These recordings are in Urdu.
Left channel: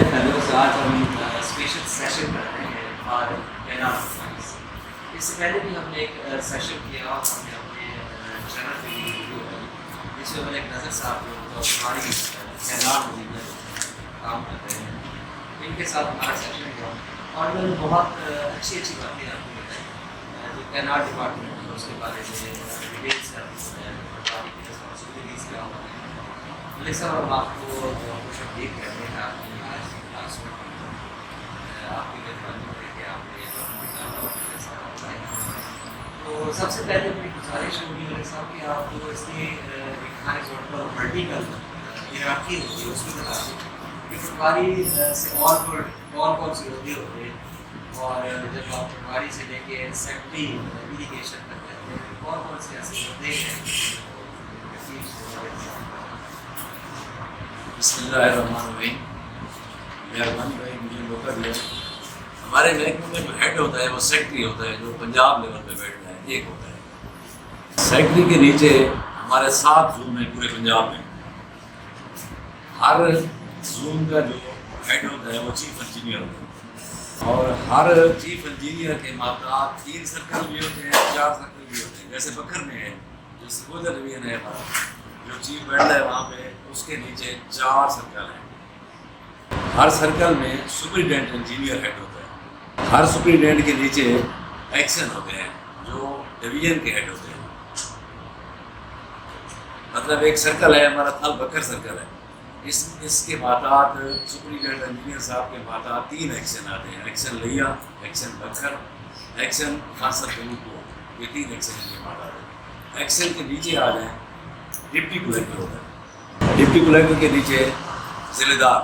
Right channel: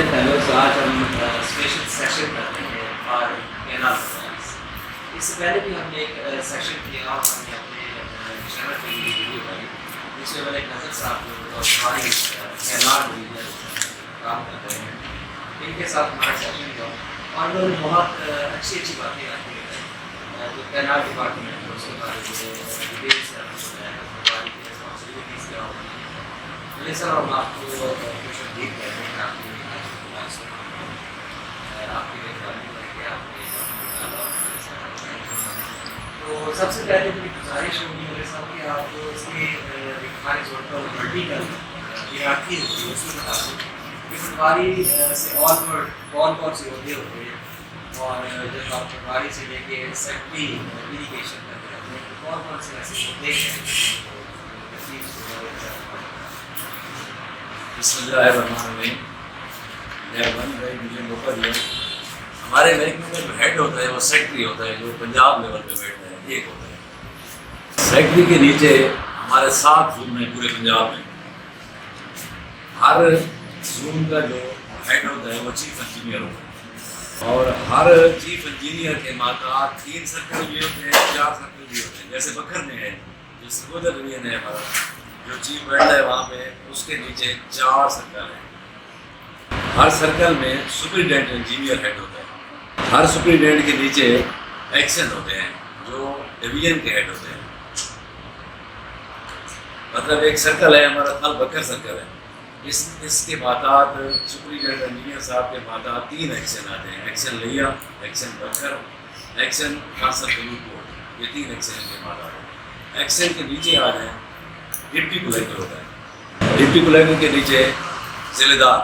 ڈیئر فیلوز، آج ہم اسپیشل سیشن کرتے ہیں اور کینال پرفارمنس. اس سے پہلے بھی ہم نے ایک سیشن کیا اور ہم نے اپنے چینل پہ یہ ویڈیو بنائی جس میں ملک نظر صاحب جو ساری کینال میں کام کرتے ہیں ان کے ساتھ ہمارا سیشن ہوا اور انہوں نے بہت اچھی باتیں آپ کو بتائیں جو کینال ڈپارٹمنٹ ہے اس کے بارے میں ڈیٹیلس ہماری رسپانسبلٹیز کیا ہوتی ہیں. ملک صاحب ہم آپ کو خوش آمدید کہتے ہیں. آپ نے آپ کے لیے آپ نے تو سب سے پہلے میری گزارش ہوگی میرے ساتھ کہ آپ جو اس کے ہمارے زور پر ورٹیکل ہیرارکی ہوتی ہے اس میں بتا دیں کہ پٹواری سے کون سے عہدے ہوتے ہیں اور جب آپ پٹواری سے لے کے سیکٹری ایریگیشن کرتے ہوتے ہیں کون سے ایسے عہدے ہیں. بسم اللہ الرحمن الرحیم. مہربانی بھائی مجھے موقع دیا. ہمارے محکمے میں جو ہیڈ ہوتا ہے وہ سیکٹری ہوتا ہے جو پنجاب لیول پہ بیٹھتا ہے. ایک ہوتا ہے سیکٹری کے نیچے ہمارے 7 زون ہیں پورے پنجاب میں. ہر زون کا جو ہیڈ ہوتا ہے وہ چیف انجینئر ہوتا ہے اور ہر چیف انجینئر کے ماتحت 3 سرکل بھی ہوتے ہیں 4 سرکل بھی ہوتے ہیں. جیسے بکر میں ہے جو سرگوجا ڈویژن ہے ہمارا جو چیف بیٹھتا ہے وہاں پہ اس کے نیچے 4 سرکل ہیں. ہر سرکل میں سپرنٹینڈنٹ انجینئر ہیڈ ہوتا ہے. ہر سپرنٹینڈنٹ کے نیچے ایکشن ہوتے ہیں جو ڈویژن کے ہیڈ ہوتے ہیں. مطلب ایک سرکل ہے ہمارا تھل بکر سرکل ہے. اس کے ماتحت سپرنٹینڈنٹ انجینئر صاحب کے ماتحت 3 ایکشن آتے ہیں. ایکشن لیا، ایکشن بکر، ایکشن خاصر قلوب کو. یہ 3 ایکشن کے ماتحت. ایکشن کے نیچے آ جائیں ڈپٹی کلیکٹر ہوتا ہے. ڈپٹی کلیکٹر کے نیچے ضلع دار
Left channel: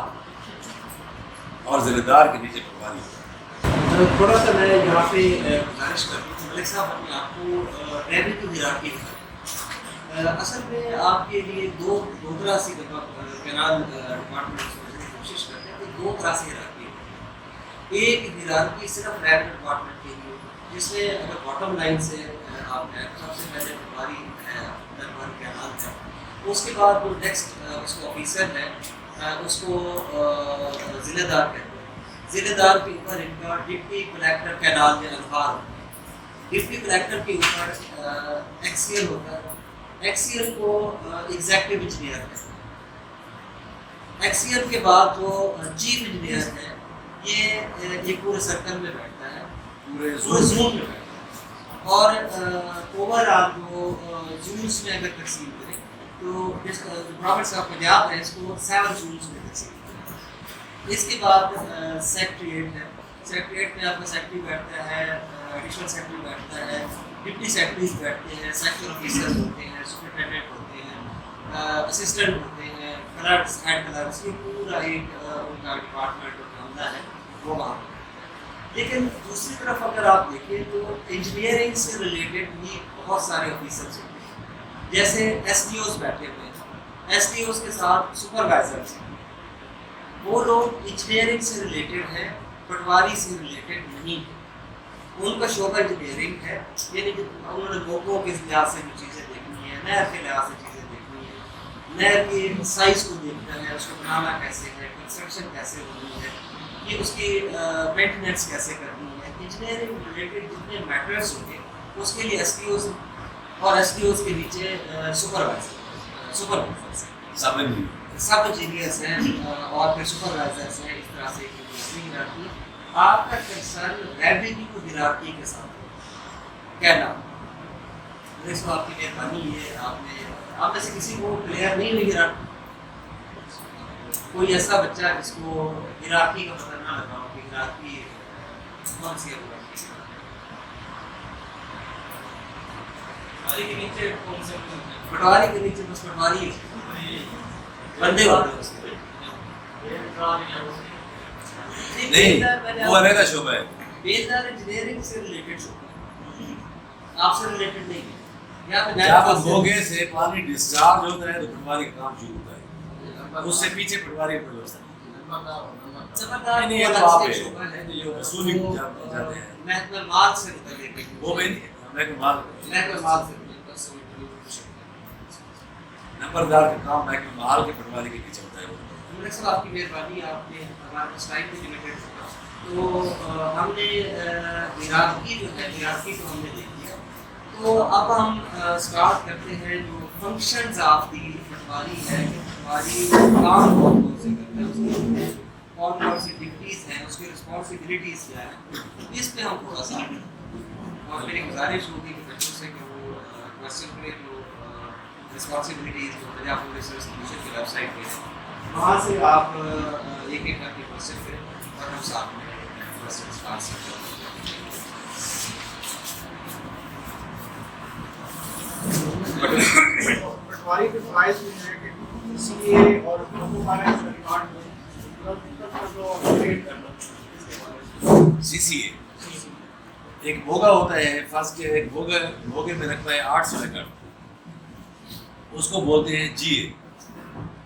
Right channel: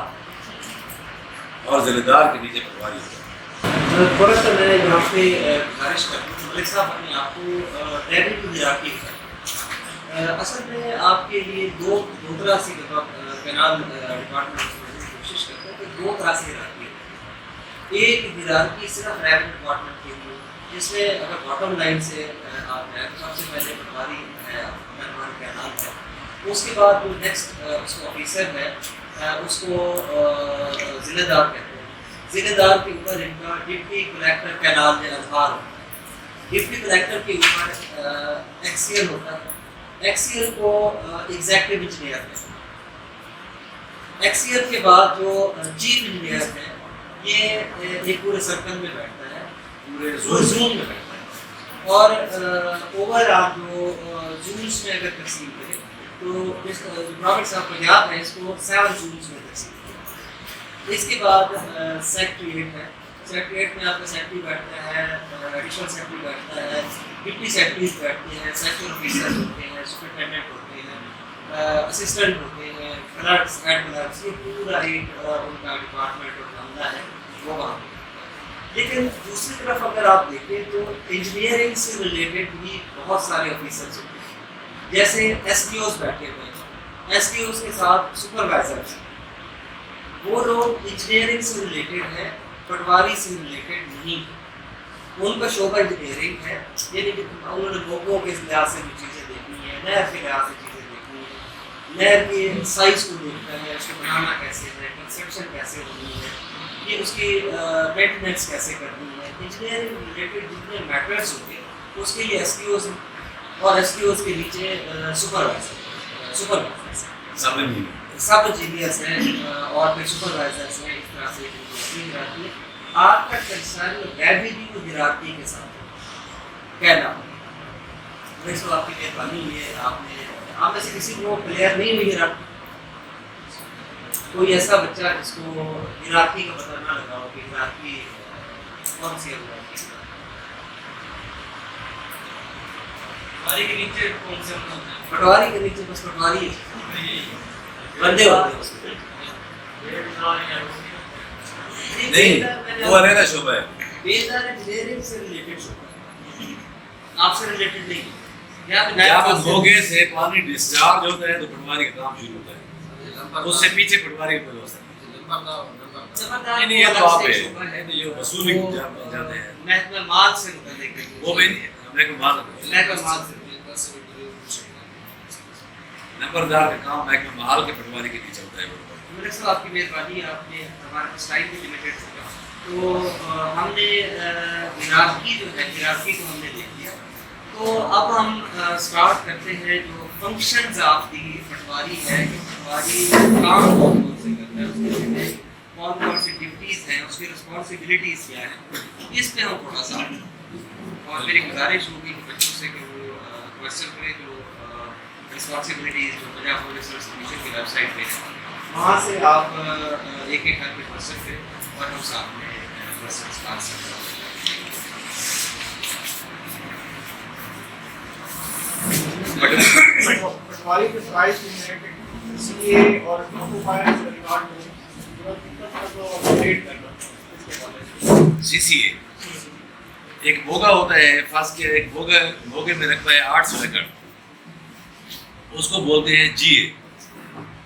اور ضلع دار کے نیچے پٹواری ہوتا ہے. تھوڑا سا میں یہاں پہ گزارش کرتا ہوں ملک صاحب اپنے آپ کو ٹریول کی ہیرارکی اصل میں آپ کے لیے دو طرح سے کینال ڈپارٹمنٹ کوشش کرتے ہیں کہ 2 طرح سے ہیرارکی ہے. ایک ہیرارکی صرف ریونیو ڈپارٹمنٹ کے لیے جس میں اگر باٹم لائن سے آپ ہیں سب سے پہلے پٹواری ہے کینال ہے. اس کے بعد وہ نیکسٹ اس کو آفیسر ہے اس کو ضلع دار کہتے ہیں. ضلع دار کے اوپر ان کا ڈپٹی کلیکٹر کینال میں اظہار ہوتا ہے. ڈپٹی کلیکٹر کے اوپر ایکسیل ہوتا ہے. ایکسیل کو ایگزیکٹو انجینئر کہتے ہیں. ایکسیل کے بعد جو چیف انجینئر ہے یہ ایک پورے سرکل میں بیٹھتا ہے پورے زون میں بیٹھتا ہے اور اوور آل جو زونس میں اگر تقسیم کریں تو جس پروفیسر صاحب کو یاد ہے اس کو 7 زونس میں تقسیم کریں. اس کے بعد سیکٹریٹ ہے. سیکٹریٹ میں آپ کا سیکٹری بیٹھتا ہے، ایڈیشنل سیکٹری بیٹھتا ہے، ڈپٹی سیکٹریز بیٹھتے ہیں، سیکٹر آفیسر ہوتے ہیں، سپرنٹینڈنٹ ہوتے ہیں، اسسٹنٹ ہوتے ہیں، کلرکس، ہیڈ کلرکس. یہ پورا ایک ان کا ڈپارٹمنٹ اور عملہ ہے وہ وہاں پہ. لیکن دوسری طرف اگر آپ دیکھیں تو انجینئرنگ سے ریلیٹڈ بھی بہت سارے آفیسرس ہوتے ہیں. جیسے ایس ٹی اوز بیٹھے ہوئے ہیں. ایس ٹی اوز کے ساتھ سپروائزرس ہیں. وہ لوگ انجینئرنگ سے ریلیٹڈ ہیں، پٹواری سے ریلیٹڈ نہیں. ان کا شعبہ انجینئرنگ ہے. یعنی کہ انہوں نے لوگوں کے لحاظ سے بھی چیزیں دیکھنی ہے، نہر کے لحاظ سے چیزیں دیکھنی ہے، نہر کے سائز کو دیکھنا ہے، اس کو بنانا کیسے ہے، کنسٹرکشن کیسے ہونی ہے، یہ اس کی مینٹیننس کیسے کرنی ہے. انجینئرنگ ریلیٹڈ جتنے میٹرز ہوتے ہیں اس کے لیے ایس ٹی اوز ہیں اور ایس ٹی اوز کے نیچے سپروائزرس سب انجینئرس ہیں اور پھر سپروائزرس ہیں. اس طرح سے ہیرارکی. آپ کا کنسرن ریونیو ہیرارکی کے ساتھ کیا نام ہے؟ اس کو آپ کی مہربانی ہے. آپ میں سے کسی کو کلیئر نہیں ہوئی ہیرارکی؟ کوئی ایسا بچہ جس کو ہیرارکی کا پتہ نہ لگا ہو کہ ہیرارکی کون سی ہے؟ پٹواری کے نیچے کون سے؟ پٹواری کے نیچے بس پٹواری بندے ہوتے ہیں نہیں وہ علیحدہ شعبہ ہے. بیلدار انجینئرنگ سے ریلیٹڈ شعبہ آپ سے ریلیٹڈ نہیں. جب موگے سے پانی ڈسچارج ہوتا ہے تو پٹواری کا کام شروع ہوتا ہے. اس سے پیچھے پٹواری کا ہوتا ہے. نہیں یہ تو آپ ہے جو وصولی جاتے ہیں محکمہ مال سے متعلق وہ بھی محکمہ مال سے نمبردار کا کام محکمہ مال کے پٹواری کے نیچے ہوتا ہے. ملک صاحب آپ کی مہربانی، آپ نے ہمارے پاس ٹائم بھی لمیٹیڈ ہوگا، تو ہم نے ہیرارکی جو ہے، ہیرارکی کو ہم نے دیکھ لیا. تو اب ہم اسٹارٹ کرتے ہیں جو فنکشنز آف دی پٹواری ہے کہ پٹواری کام کون کون سے کرتا ہے، اس کے میں کون کون سی ڈیوٹیز ہیں، اس کی رسپانسبلٹیز کیا ہیں، اس پہ ہم تھوڑا سا. اور میری گزارش ہوگی کہ بچوں سے کہ وہ کوشچن کریں جو رسپانسبلٹیز جو پنجاب پولیس سروس کمیشن کی ویب سائٹ پہ ہے، وہاں سے آپ ایک ایک کر کے کوشچن کریں اور ہم ساتھ میں کوشچنس کا آنسر کریں. پٹواری کے فرائض میں ہے کہ سی اے اور سی سی اے ایک بوگا ہوتا ہے، فرض کیا ایک بوگے میں رقبہ ہے 800 ایکڑ، اس کو بولتے ہیں جی اے.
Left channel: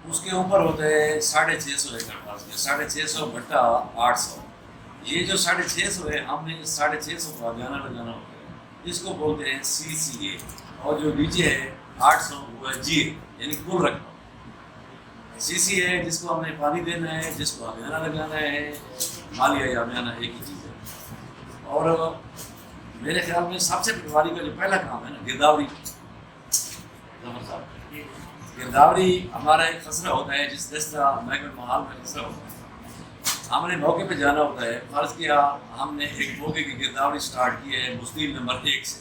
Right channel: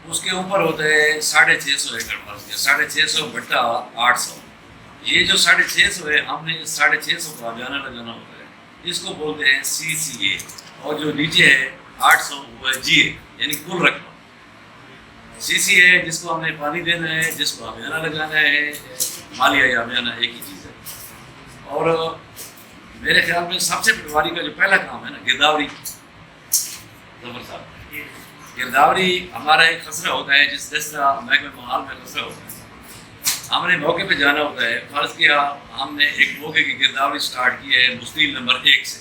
اس کے اوپر ہوتا ہے 650 ایکڑ، فرض کیا 650 بٹا 800. یہ جو 650 ہے، ہم نے 650 کو آبیانہ لگانا ہوتا ہے، اس کو بولتے ہیں سی سی اے. اور جو نیچے ہے 800 وہ ہے جی اے، یعنی کل رقبہ. سی سی اے جس کو ہم نے پانی دینا ہے، جس کو آبیانہ لگانا ہے، مالیہ یا آبیانہ ایک ہی چیز ہے. اور میرے خیال میں سب سے پٹواری کا جو پہلا کام ہے نا، گرداوری. ظفر صاحب، گرداوری ہمارا ایک خسرہ ہوتا ہے، جس طرح محکمہ محال میں خسرہ ہوتا ہے. ہم نے موقع پہ جانا ہوتا ہے. فرض کیا ہم نے ایک موقع کی گرداوری سٹارٹ کی ہے مستیل نمبر 1 سے.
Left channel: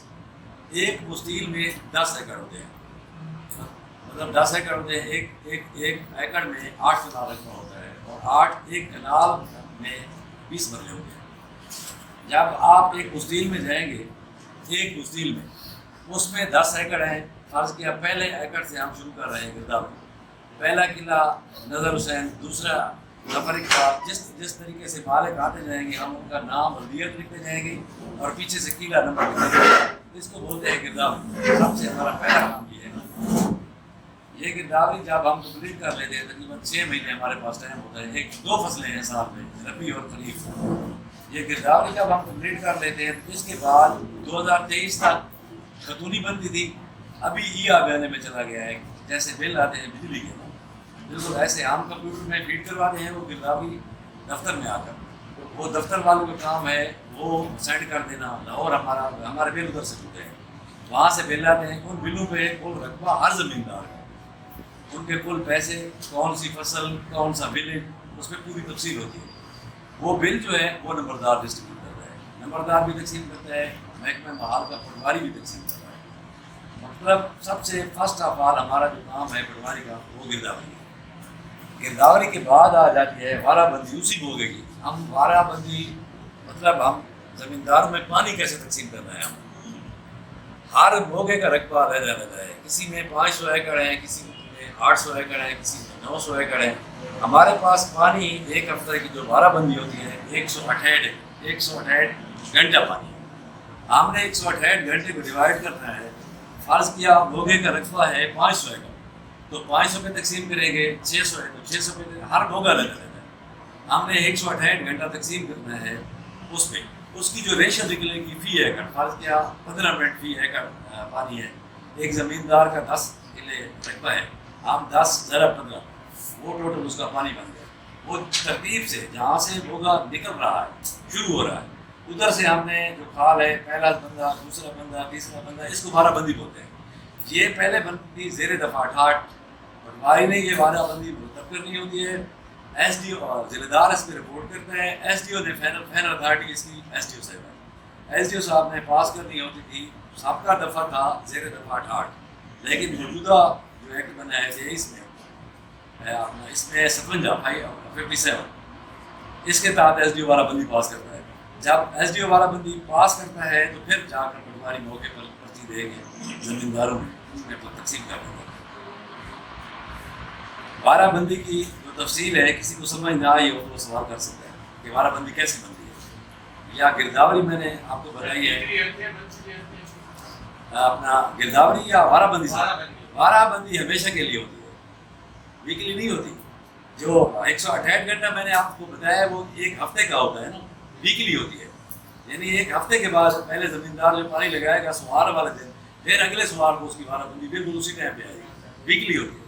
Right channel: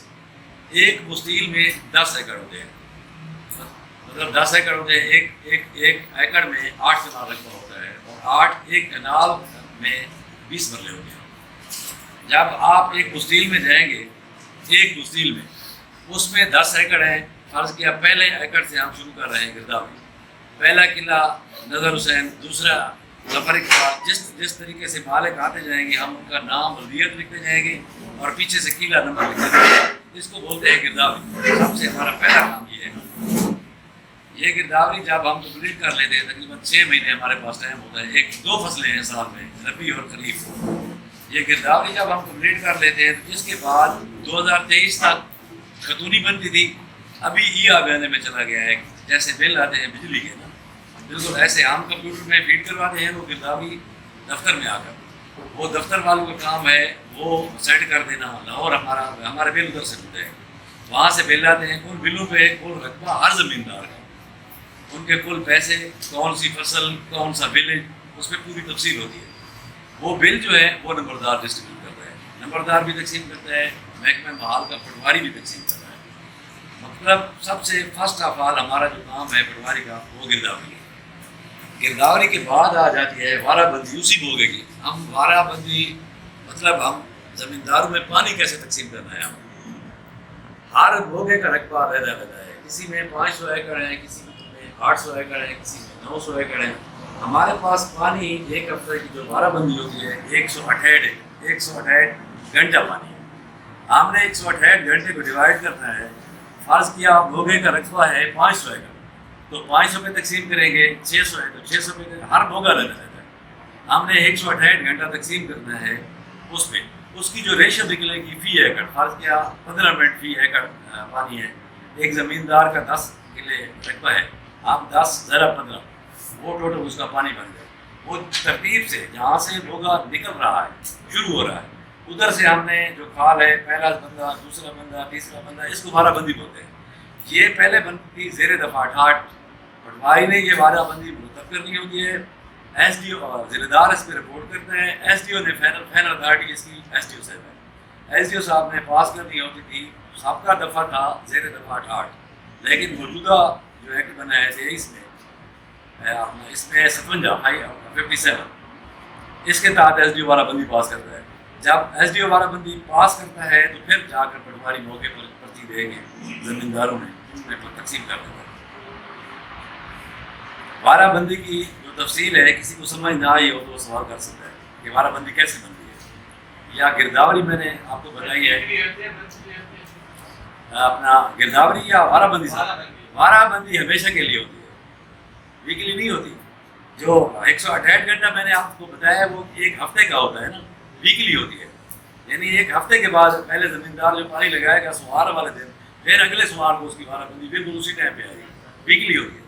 ایک مستیل میں 10 ایکڑ ہوتے ہیں، مطلب 10 ایکڑ ہوتے ہیں. ایک ایکڑ میں 8 کنال رقبہ ہوتا ہے، اور ایک کنال میں 20 مرلے ہوتے ہیں. جب آپ ایک مستیل میں جائیں گے، ایک مستیل میں اس میں 10 ایکڑ ہیں. فرض کیا پہلے ایکڑ سے ہم شروع کر رہے ہیں گرداوری. پہلا قلعہ نظر حسین، دوسرا ظفر اقبال. جس طریقے سے مالک آتے جائیں گے، ہم ان کا نام بلدیت لکھتے جائیں گے اور پیچھے سے قلعہ نمبر لکھتے جائیں گے. اس کو بولتے ہیں گرداوری. سب سے ہمارا پہلا کام یہ ہے. یہ گرداوری جب ہم کمپلیٹ کر لیتے ہیں، تقریباً 6 مہینے ہمارے پاس ٹائم ہوتا ہے. 2 فصلیں ہیں سال میں، ربیع اور خریف. یہ گرداوری جب ہم کمپلیٹ کر لیتے ہیں تو اس کے بعد 2023 تک خاتونی بنتی تھی. ابھی ای آبیانے میں چلا گیا ہے. جیسے بل آتے ہیں بجلی کے نا، بالکل ایسے ہم کمپیوٹر میں فیڈ کرواتے ہیں، وہ گرداوری دفتر میں آ کر. وہ دفتر والوں کا کام ہے وہ سیٹ کر دینا. لاہور ہمارے بل ادھر سے ہوتے ہیں، وہاں سے بل آتے ہیں. ان بلوں پہ کل رقبہ ہر زمیندار کا، ان کے کل پیسے، کون سی فصل، کون سا ولیج، اس میں پوری تفصیل ہوتی ہے. وہ بل جو ہے وہ نمبردار ڈسٹریبیوٹ کرتا ہے. نمبردار بھی تقسیم کرتا ہے، محکمہ محال کا پٹواری بھی تقسیم کرتا ہے. مطلب سب سے فرسٹ آف آل ہمارا جو کام ہے پٹواری کا، وہ گرداوری ہے. گرداوری کے بعد آ جاتی ہے وارہ بندی. اسی بوگے کی ہم وارہ بندی، مطلب ہم زمینداروں میں پانی کیسے تقسیم کرنا ہے. ہر بوگے کا رقبہ علیحدہ علیحدہ ہے. کسی میں 500 ایکڑ ہیں، کسی میں 800 ایکڑ ہیں، کسی میں 900 ایکڑ ہیں. ہمارے پاس پانی ایک ہفتے کی جو وارہ بندی ہوتی ہے 168 گھنٹہ پانی ہے. ہم نے 168 گھنٹے کو ڈیوائڈ کرنا ہے. فرض کیا بوگے کا رقبہ ہے 500 ایکڑ، تو 500 پہ تقسیم کریں گے. 600 ہے تو 600 پہ. ہر بوگا لینا رہتا ہے. ہم نے 168 گھنٹہ تقسیم کرنا ہے. اس پہ اس کی جو ریشو نکلے گی فی ایکڑ، فرض کیا 15 منٹ فی ایکڑ پانی ہے. ایک زمیندار کا 10 کلے رقبہ ہے، آپ 10 ضرب 15، وہ ٹوٹل اس کا پانی بن گیا. وہ ترتیب سے جہاں سے بوگا نکل رہا ہے، شروع ہو رہا ہے، ادھر سے ہم نے جو کھال ہے، پہلا بندہ، دوسرا بندہ، تیسرا بندہ، اس کو وارہ بندی بولتے ہیں. یہ پہلے بندی تھی زیر دفعہ 68. پٹواری نے یہ وارہ بندی مرتب کرنی ہوتی ہے. ایس ڈی او اور ضلع دار اس پہ رپورٹ کرتے ہیں. ایس ڈی او نے فائنل اتھارٹی اس کی ایس ڈی او صاحب ہے. ایس ڈی او صاحب نے پاس کرنی ہوتی تھی. سب کا دفعہ تھا زیر دفعہ 68، لیکن موجودہ جو ایکٹ بنا ہے 23 میں، اس میں 57 اس کے تحت ایس ڈی او وارہ بندی پاس کرتا ہے. جب ایس ڈی او وارہ بندی پاس کرتا ہے تو پھر جا کر پٹواری موقع پر پرچی دیں گے زمینداروں میں تقسیم کر دیں گے. وارہ بندی کی جو تفصیل ہے، کسی کو سمجھ نہ آئی ہو تو وہ سوال کر سکتا ہے کہ وارہ بندی کیسے بنتی ہے. یا گرداوری میں نے آپ کو بتائی ہے، اپنا گرداوری یا وارہ بندی صاحب. وارہ بندی ہمیشہ کے لیے ہوتی ہے، ویکلی نہیں ہوتی. جو 168 گھنٹہ میں نے آپ کو بتایا وہ ایک ہفتے کا ہوتا ہے نا، ویکلی ہوتی ہے. یعنی ایک ہفتے کے بعد پہلے زمیندار جو پانی لگائے گا سوار والے دن، پھر اگلے سوار کو اس کی وارہ بندی بالکل اسی ٹائم پہ آئے گی. ویکلی ہوتی ہے.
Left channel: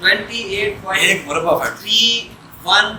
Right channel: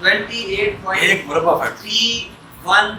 28.31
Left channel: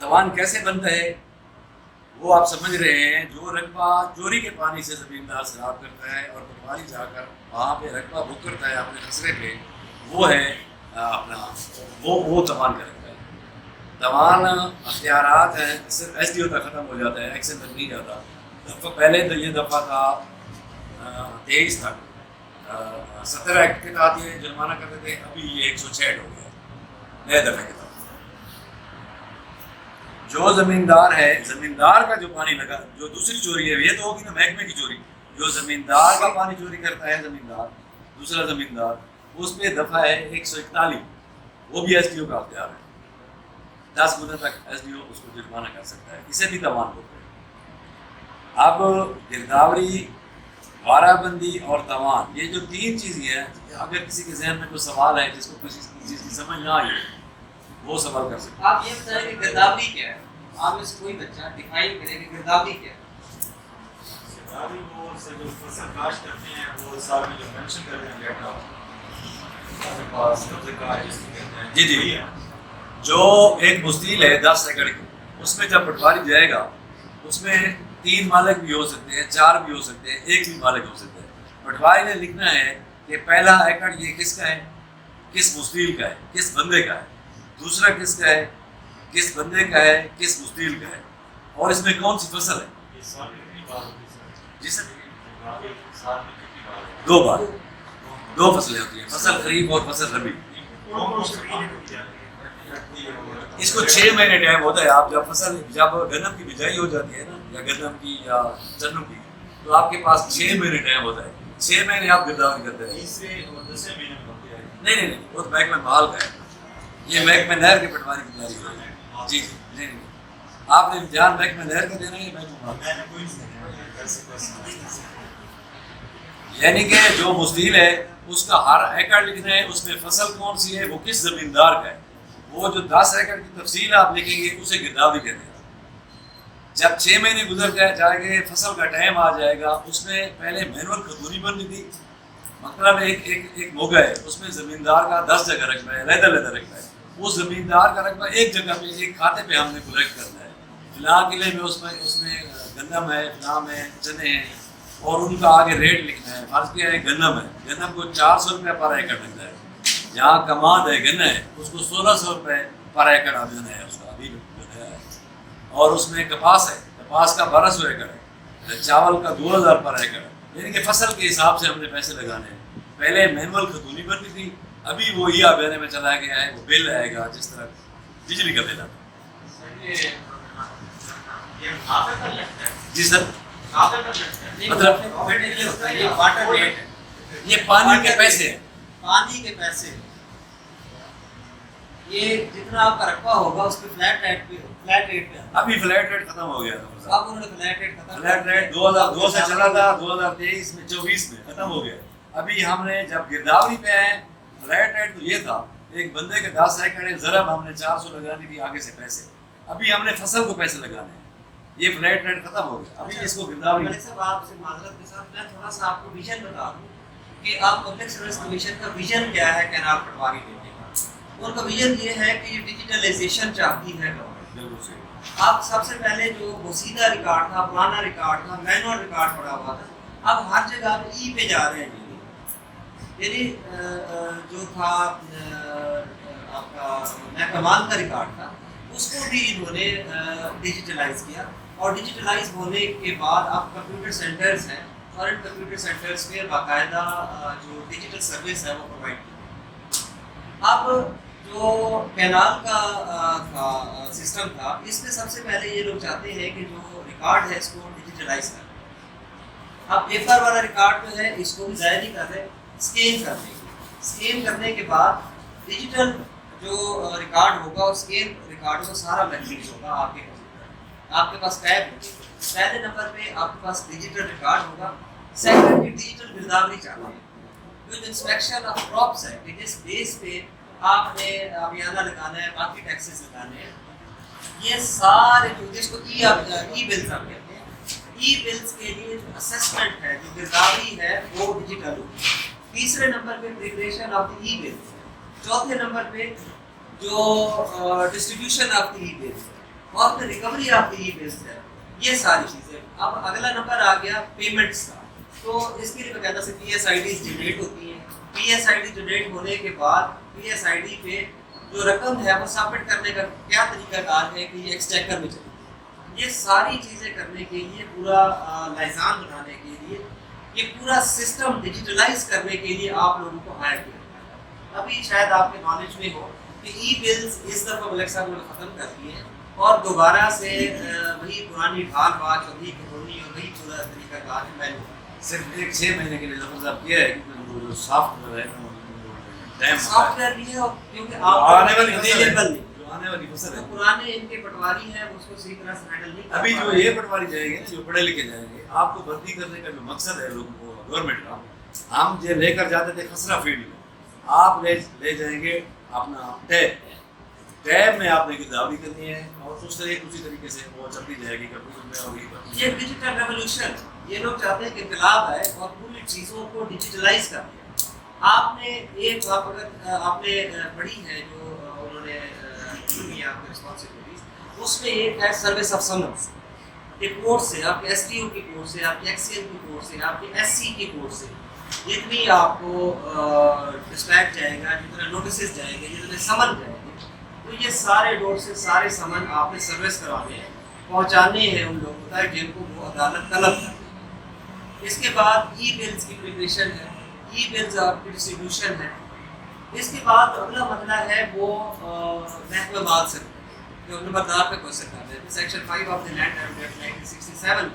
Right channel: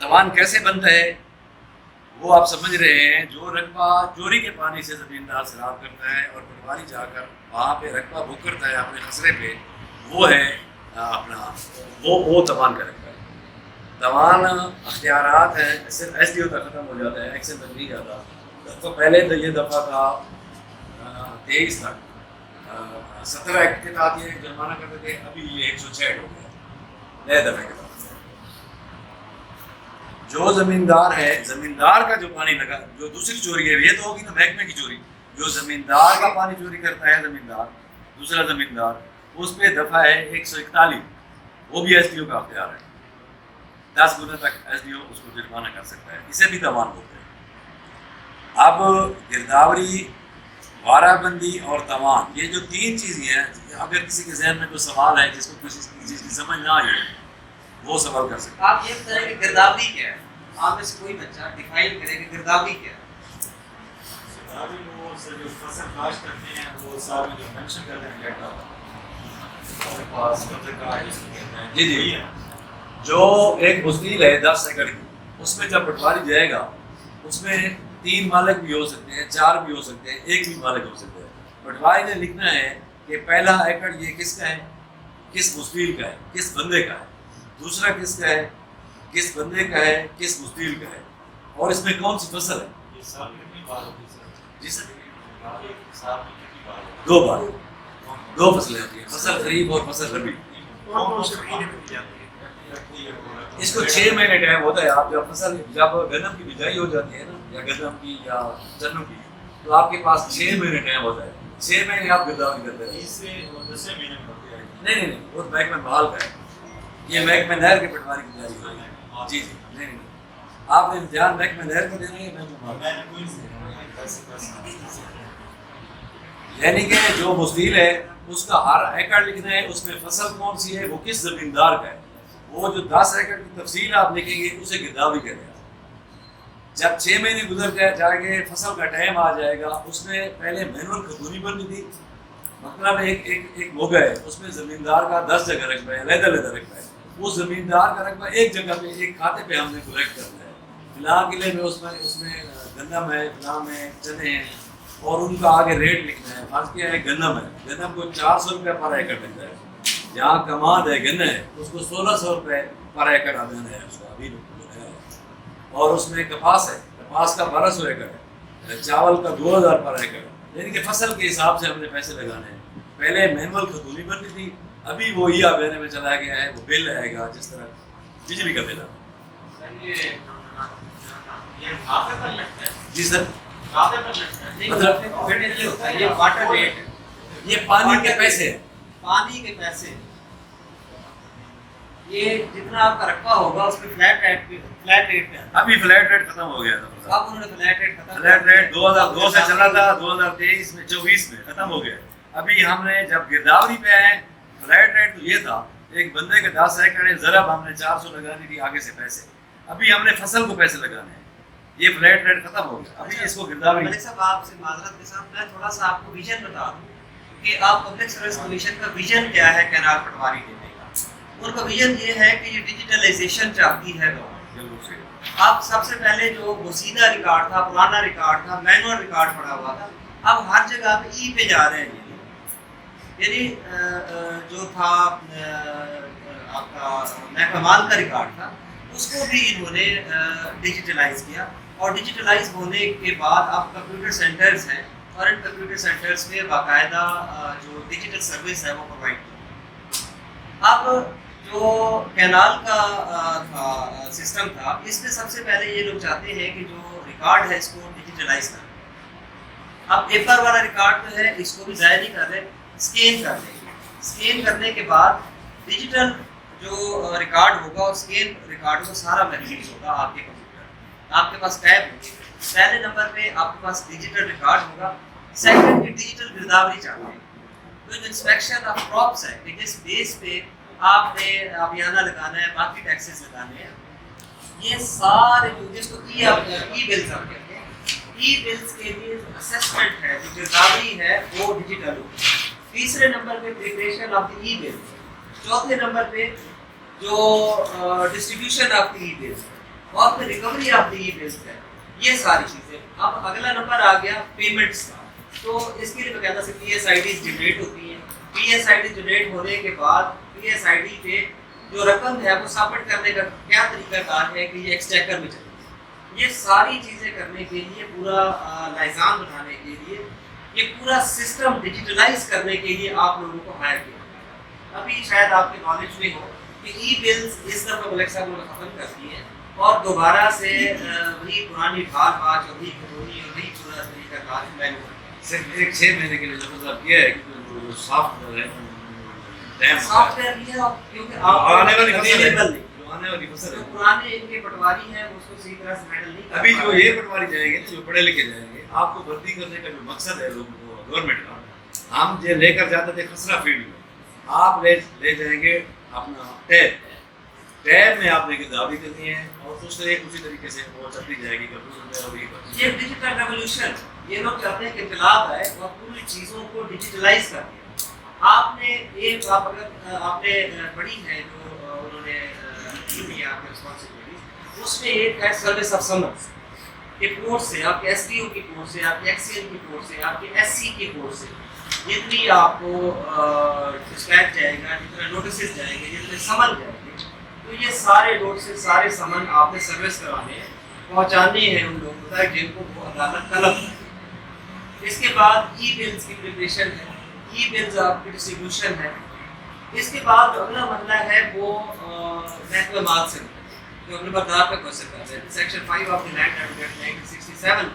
توان کیسے بنتا ہے وہ آپ سمجھ رہے ہیں. جو رقبہ چوری کے پانی سے زمیندار سیراب کرتا ہے اور پٹواری جا کر وہاں پہ رقبہ بک کرتا ہے اپنے خسرے پہ، وہ ہے اپنا وہ توان کا رقبہ ہے. توان اختیارات ہیں، صرف ایس ڈی او تک ختم ہو جاتا ہے، ایکسن تک نہیں جاتا. تو پہلے تو یہ دفعہ تھا 23 تک 70 ایکٹ کے تحت یہ جرمانہ کرتے تھے، ابھی یہ 166 ہو گیا نئے دفعے کے تحت. جو زمیندار ہے، زمیندار کا جو پانی لگا، جو دوسری چوری ہے یہ تو ہوگی نا محکمے کی چوری. جو زمیندار کا پانی چوری کرتا ہے زمیندار، دوسرا زمیندار، اس پہ دفعہ ہے 141، وہ بھی ایس ڈی او کا اختیار ہے. 10 گنا تک ایس ڈی او اس کو جرمانہ کر سکتا ہے، اسے بھی توان بولتے ہیں. اب گرداوری، وارہ بندی اور توان، یہ جو تین چیزیں ہیں، اگر کسی کے ذہن میں کوئی سوال ہے جس کو کسی چیز کی سمجھ نہ آئی وہ سوال کر سکتے ہیں. آپ یہ بتائیں کہ گرداوری کیا ہے؟ آپ میں سے کوئی بچہ ڈیفائن کرے کہ گرداوری کیا ہے؟ گرداوری وہ جو فصل کاشت کرتے ہیں وہ صاحب جو مینشن کرتے ہیں ڈیٹا اور پاس قبضے کا جس کو کہتے ہیں. جی جی، جو ایک مستیل ہے 10 ایکڑ کی، اس میں جب پٹواری جائے گا اس میں 3 مالک بھی ہو سکتے ہیں، 4 بھی ہو سکتے ہیں، 1 بھی مالک ہو سکتے ہیں. پٹواری نے لکھنا ہے کہ پہلا ایکڑ یہ کس کا ہے، کس مستیل کا ہے، کس بندے کا ہے. دوسرا کس کا ہے، کس بندے کا ہے، کس مستیل کا ہے، اور اس میں کون سی فصل ہے. یہ سال میں کتنی بار ہوتی ہے سر؟ جی سر، ایک سال میں کتنی بار ہوتی 2 بار، 2 فصلیں ہوتی ہیں، فصل خریف اور فصل ربی. اس کو 6 مہینے ٹائم ہوتا ہے. آپ جب گندم کی بجائی ہو جاتی ہے نا، یا گندم کی یا چنوں کی، تو آپ کے پاس 6 مہینے ٹائم ہوتا ہے. 6 مہینے آپ گرداوری کرتے ہیں. 30 سے 10 مہینے میں ہوتی ہے. نہیں، وہ تو محکمہ بحال کا ہے، یہ محکمہ نہر کے پٹواری کی تیاری ہو رہی ہے. جی، نہیں، آپ نے امتحان محکمہ نہر کا دینا ہے یا محکمہ بحال؟ میں نے کوئی نہیں 10 سے 10 یعنی کہ جو مستیل ہے اس کا ہر ایکڑ لکھنا ہے، اس میں فصل کون سی ہے، وہ کس زمیندار کا ہے. وہ جو 10 ایکڑ کی تفصیل آپ لکھیں گے اسے گرداوری کہتے ہیں. جب 6 مہینے گزر جائیں گے، فصل کا ٹائم آ جائے گا، اس میں پہلے مینول کھتونی بننی تھی. مطلب ایک موگا ہے، اس میں زمیندار کا 10 جگہ رقبہ ہے، علیحدہ رقبہ ہے. اس زمیندار کا رقبہ ایک جگہ پہ، ایک کھاتے پہ ہم نے کلیکٹ کرنا ہے. فلاں قلعے میں اس میں گندم ہے، فلاں میں چنے ہیں، اور ان کا آگے ریٹ لکھنا ہے. فرض کیا ہے گندم ہے، گندم کو 400 روپے پر ایکڑ ملتا ہے. جہاں کماد ہے گنا ہے، اس کو 1600 روپے پر ایکڑ آمدن ہے اس کا ابھی لکھا ہے. اور اس میں کپاس ہے، کپاس کا 1200 ایکڑ ہے، چاول کا 2000 پر ایکڑ ہے. یعنی کہ فصل کے حساب سے ہم نے پیسے لگانے ہیں. پہلے مینول کھتونی بنتی تھی، ابھی وہ ای آبیانے میں چلا گیا ہے. وہ بل آئے گا جس طرح بجلی کا بل آتا ہے. جی سر، مطلب یہ ہوتا ہے، یہ واٹر ریٹ ہے، یہ پانی کے پیسے ہیں. پانی کے پیسے. یہ جتنا آپ کا رقبہ ہوگا اس پہ فلیٹ ریٹ پہ. ابھی فلیٹ ریٹ ختم ہو گیا تھا. اب انہوں نے فلیٹ ریٹ ختم. فلیٹ ریٹ 2002 سے چلا تھا، 2023 میں 24 میں ختم ہو گیا. ابھی ہم نے جب گرداوری پہ آئے، فلیٹ ریٹ تو یہ تھا ایک بندے کے 10 ایکڑ ہے، ضرب ہم نے 400 لگانی تھی آگے سے پیسے. ابھی ہم نے فصل کو پیسے لگانے ہیں. یہ فلیٹ ریٹ ختم ہو گیا. ابھی اس کو گرداوری. ملک صاحب آپ سے معذرت کے ساتھ میں تھوڑا سا آپ کو ویژن بتا دوں کہ آپ پبلک سروس کمیشن کا ویژن کیا ہے کینال پٹواری دینے کا. ان کا ویژن یہ ہے کہ یہ ڈیجیٹلائزیشن چاہتی ہے گورنمنٹ. بالکل صحیح. اب سب سے پہلے جو بوسیدہ ریکارڈ تھا، پرانا ریکارڈ تھا، مینول ریکارڈ پڑا ہوا تھا، اب ہر جگہ پہ ای پہ جا رہے ہیں. یعنی جو تھا آپ کا محکمہ مال کا ریکارڈ تھا، اس کو بھی انہوں نے ڈیجیٹلائز کیا. اور ڈیجیٹلائز ہونے کے بعد اب کمپیوٹر سینٹرز ہیں، اور ان کمپیوٹر سینٹرز پہ باقاعدہ جو ڈیجیٹل سروس ہے وہ پرووائڈ کی. اب جو کینال کا سسٹم تھا، اس میں سب سے پہلے یہ لوگ چاہتے ہیں کہ جو ریکارڈ ہے اس کو ڈیجیٹلائز کریں. اب پیپر والا ریکارڈ جو ہے اس کو بھی ضائع نہیں کر رہے، اسکین کر دیں گے. اسکین کرنے کے بعد ڈیجیٹل جو ریکارڈ ہوگا اور اسکین ریکارڈ کا سارا محفوظ ہوگا آپ کے کمپیوٹر. آپ کے پاس ٹیب ہوگی. پہلے نمبر پہ آپ کے پاس ڈیجیٹل ریکارڈ ہوگا. سیکنڈ ڈیجیٹل گرداوری چاہتے ہیں ود انسپیکشن آف کراپس ہے کہ جس بیس پہ آپ نے آبیانہ لگانا ہے، باقی ٹیکسز لگانے ہیں. یہ سارے جو جس کو ای بلز آپ کہتے ہیں، ای بلز کے لیے جو اسسمنٹ ہے، جو گرداوری ہے، وہ ڈیجیٹل ہوگی. تیسرے نمبر پہ پریپریشن آف دی ای بل. چوتھے نمبر پہ جو ڈسٹریبیوشن آف دی ای بل. اور پھر recovery of the E bills ہے، یہ ساری چیزیں. اب اگلا نمبر آ گیا پیمنٹس کا. تو اس کے لیے باقاعدہ سے P S I Ds generate ہوتی ہیں. P S I D generate ہونے کے بعد پی ایس آئی ڈی پہ جو رقم ہے وہ سبمٹ کرنے کا کیا طریقہ کار ہے کہ یہ ایکسچیکر میں چلے. یہ ساری چیزیں کرنے کے لیے پورا لائزان بنانے کے لیے یہ پورا سسٹم ڈیجیٹلائز کرنے کے لیے آپ لوگوں کو ہائر کیا. ابھی شاید آپ کے نالج میں ہو کہ ای بلز اس دفعہ الیکسا کو ختم کر دی ہیں اور دوبارہ سے وہی پرانی ڈھال باز اور وہی کہانی اور وہی پورا طریقہ کار میں صرف ایک 6 مہینے کے لیے لفظ آپ کیا ہے کہ جو سافٹ ویئر ہے سافٹ ویئر بھی ہے اور کیونکہ آنے والی اویلیبل نہیں آنے والی فصل ہے. پرانے ان کے پٹواری ہیں اس کو صحیح طرح سے ہینڈل نہیں کر ابھی پا جو رہے. یہ پٹواری جائے گی جو پڑھے لکھے جائیں گے آپ کو بھرتی کرنے کا جو مقصد ہے لوگوں کو گورنمنٹ کا، ہم جو لے کر جاتے تھے خسرہ فیلڈ میں، آپ لے جائیں گے اپنا ٹیب میں آپ نے گردابی کرنی ہے اور اس سے اسی طریقے سے وہ چلتی جائے گی کمپیوٹر میں. یہ ڈیجیٹل ریولوشن، یہ لوگ چاہتے ہیں کہ انقلاب آئے اور پوری چیزوں کو ڈیجیٹلائز کر دیا. آپ نے ایک آپ اگر آپ نے پڑھی ہے جو انہوں نے دی آپ کی رسپانسبلٹیز، اس میں ایک ہے سروس آف سمنس. یہ کورس سے آپ کے ایس ٹی او کی کورس سے، آپ کے ایکس سی این کی کورس سے، آپ کے ایس سی کی کورس سے جتنی آپ کو ڈسپیچ جائے گا، جتنا نوٹسز جائیں گے، جتنے سمن جائیں گے، تو یہ سارے نوٹسز سارے سمن آپ نے سروس کرانے ہیں، پہنچانے ہیں ان لوگوں تک جن کو وہ عدالت طلب کرتی ہے. اس کے بعد ای بلز کی پریپریشن ہے، ای بلز آپ کی ڈسٹریبیوشن ہے. اس کے بعد جو اگلا مسئلہ ہے وہ محکمہ مال سے جو نمبردار پہ کوشچن کر رہے ہیں section 5 of the land act 1967.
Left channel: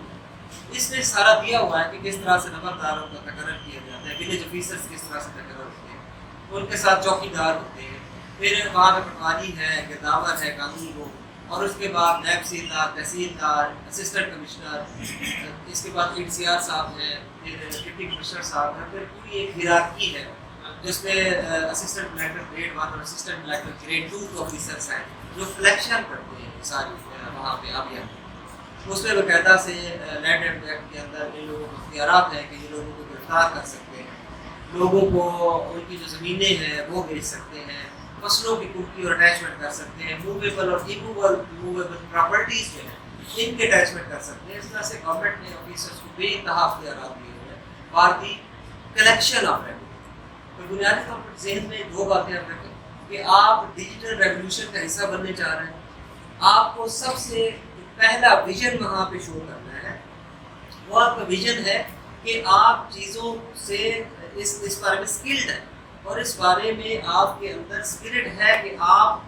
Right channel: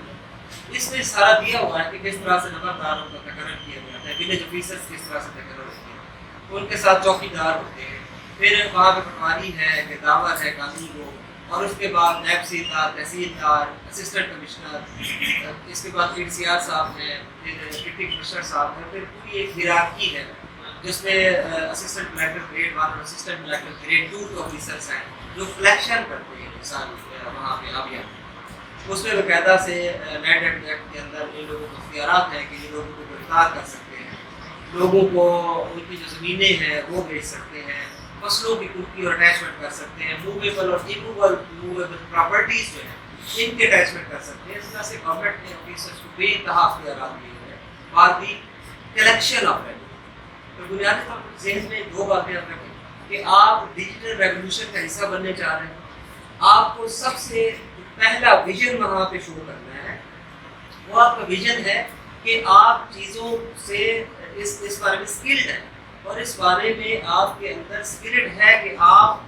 اس میں سارا دیا ہوا ہے کہ کس طرح سے نمبرداروں کا تقرر کیا جاتا ہے، ولیج آفیسرز کس طرح سے تقرر ہوتے ہیں، ان کے ساتھ چوکی دار ہوتے ہیں، پھر وہاں پہ پٹواری ہے، گرداور ہے، قانونی وہ، اور اس کے بعد نیب سیدار، تحصیلدار، اسسٹنٹ کمشنر، اس کے بعد پی ڈی سی آر صاحب ہیں، پھر ڈپٹی کمشنر صاحب ہیں. پھر پوری ایک ہیرارکی ہے جس میں اسسٹنٹ کلیکٹر گریڈ 1 اور اسسٹنٹ کلیکٹر گریڈ 2 کے آفیسرس ہیں جو کلیکشن کرتے ہیں ساری وہاں پہ ابھی. اس میں باقاعدہ سے لینڈ ایکٹ کے اندر ان لوگوں کو اختیارات ہیں کہ یہ لوگوں کو گرفتار کر سکتے ہیں، لوگوں کو ان کی جو زمینیں ہیں وہ بیچ سکتے ہیں، فصلوں کی کھڑکی اور اٹیچمنٹ کر سکتے ہیں، موویبل اور موویبل پراپرٹیز جو ہیں ان کے اٹیچمنٹ کر سکتے ہیں. اس طرح سے گورنمنٹ نے آفیسرس کو بے انتہا اختیارات دیے ہوئے ہیں. بات دی کلیکشن آف ریونیو. تو بنیادی طور پر ذہن میں 2 باتیں رکھیں کہ آپ ڈیجیٹل ریولوشن کا حصہ بننے چاہ رہے ہیں. آپ کو سب سے پہلا ویژن وہاں پہ شو کرنا ہے. وہ آپ کا ویژن ہے کہ آپ چیزوں سے اس بارے میں اسکلڈ ہیں اور اس بارے میں آپ کے اندر اسپرٹ ہے کہ آپ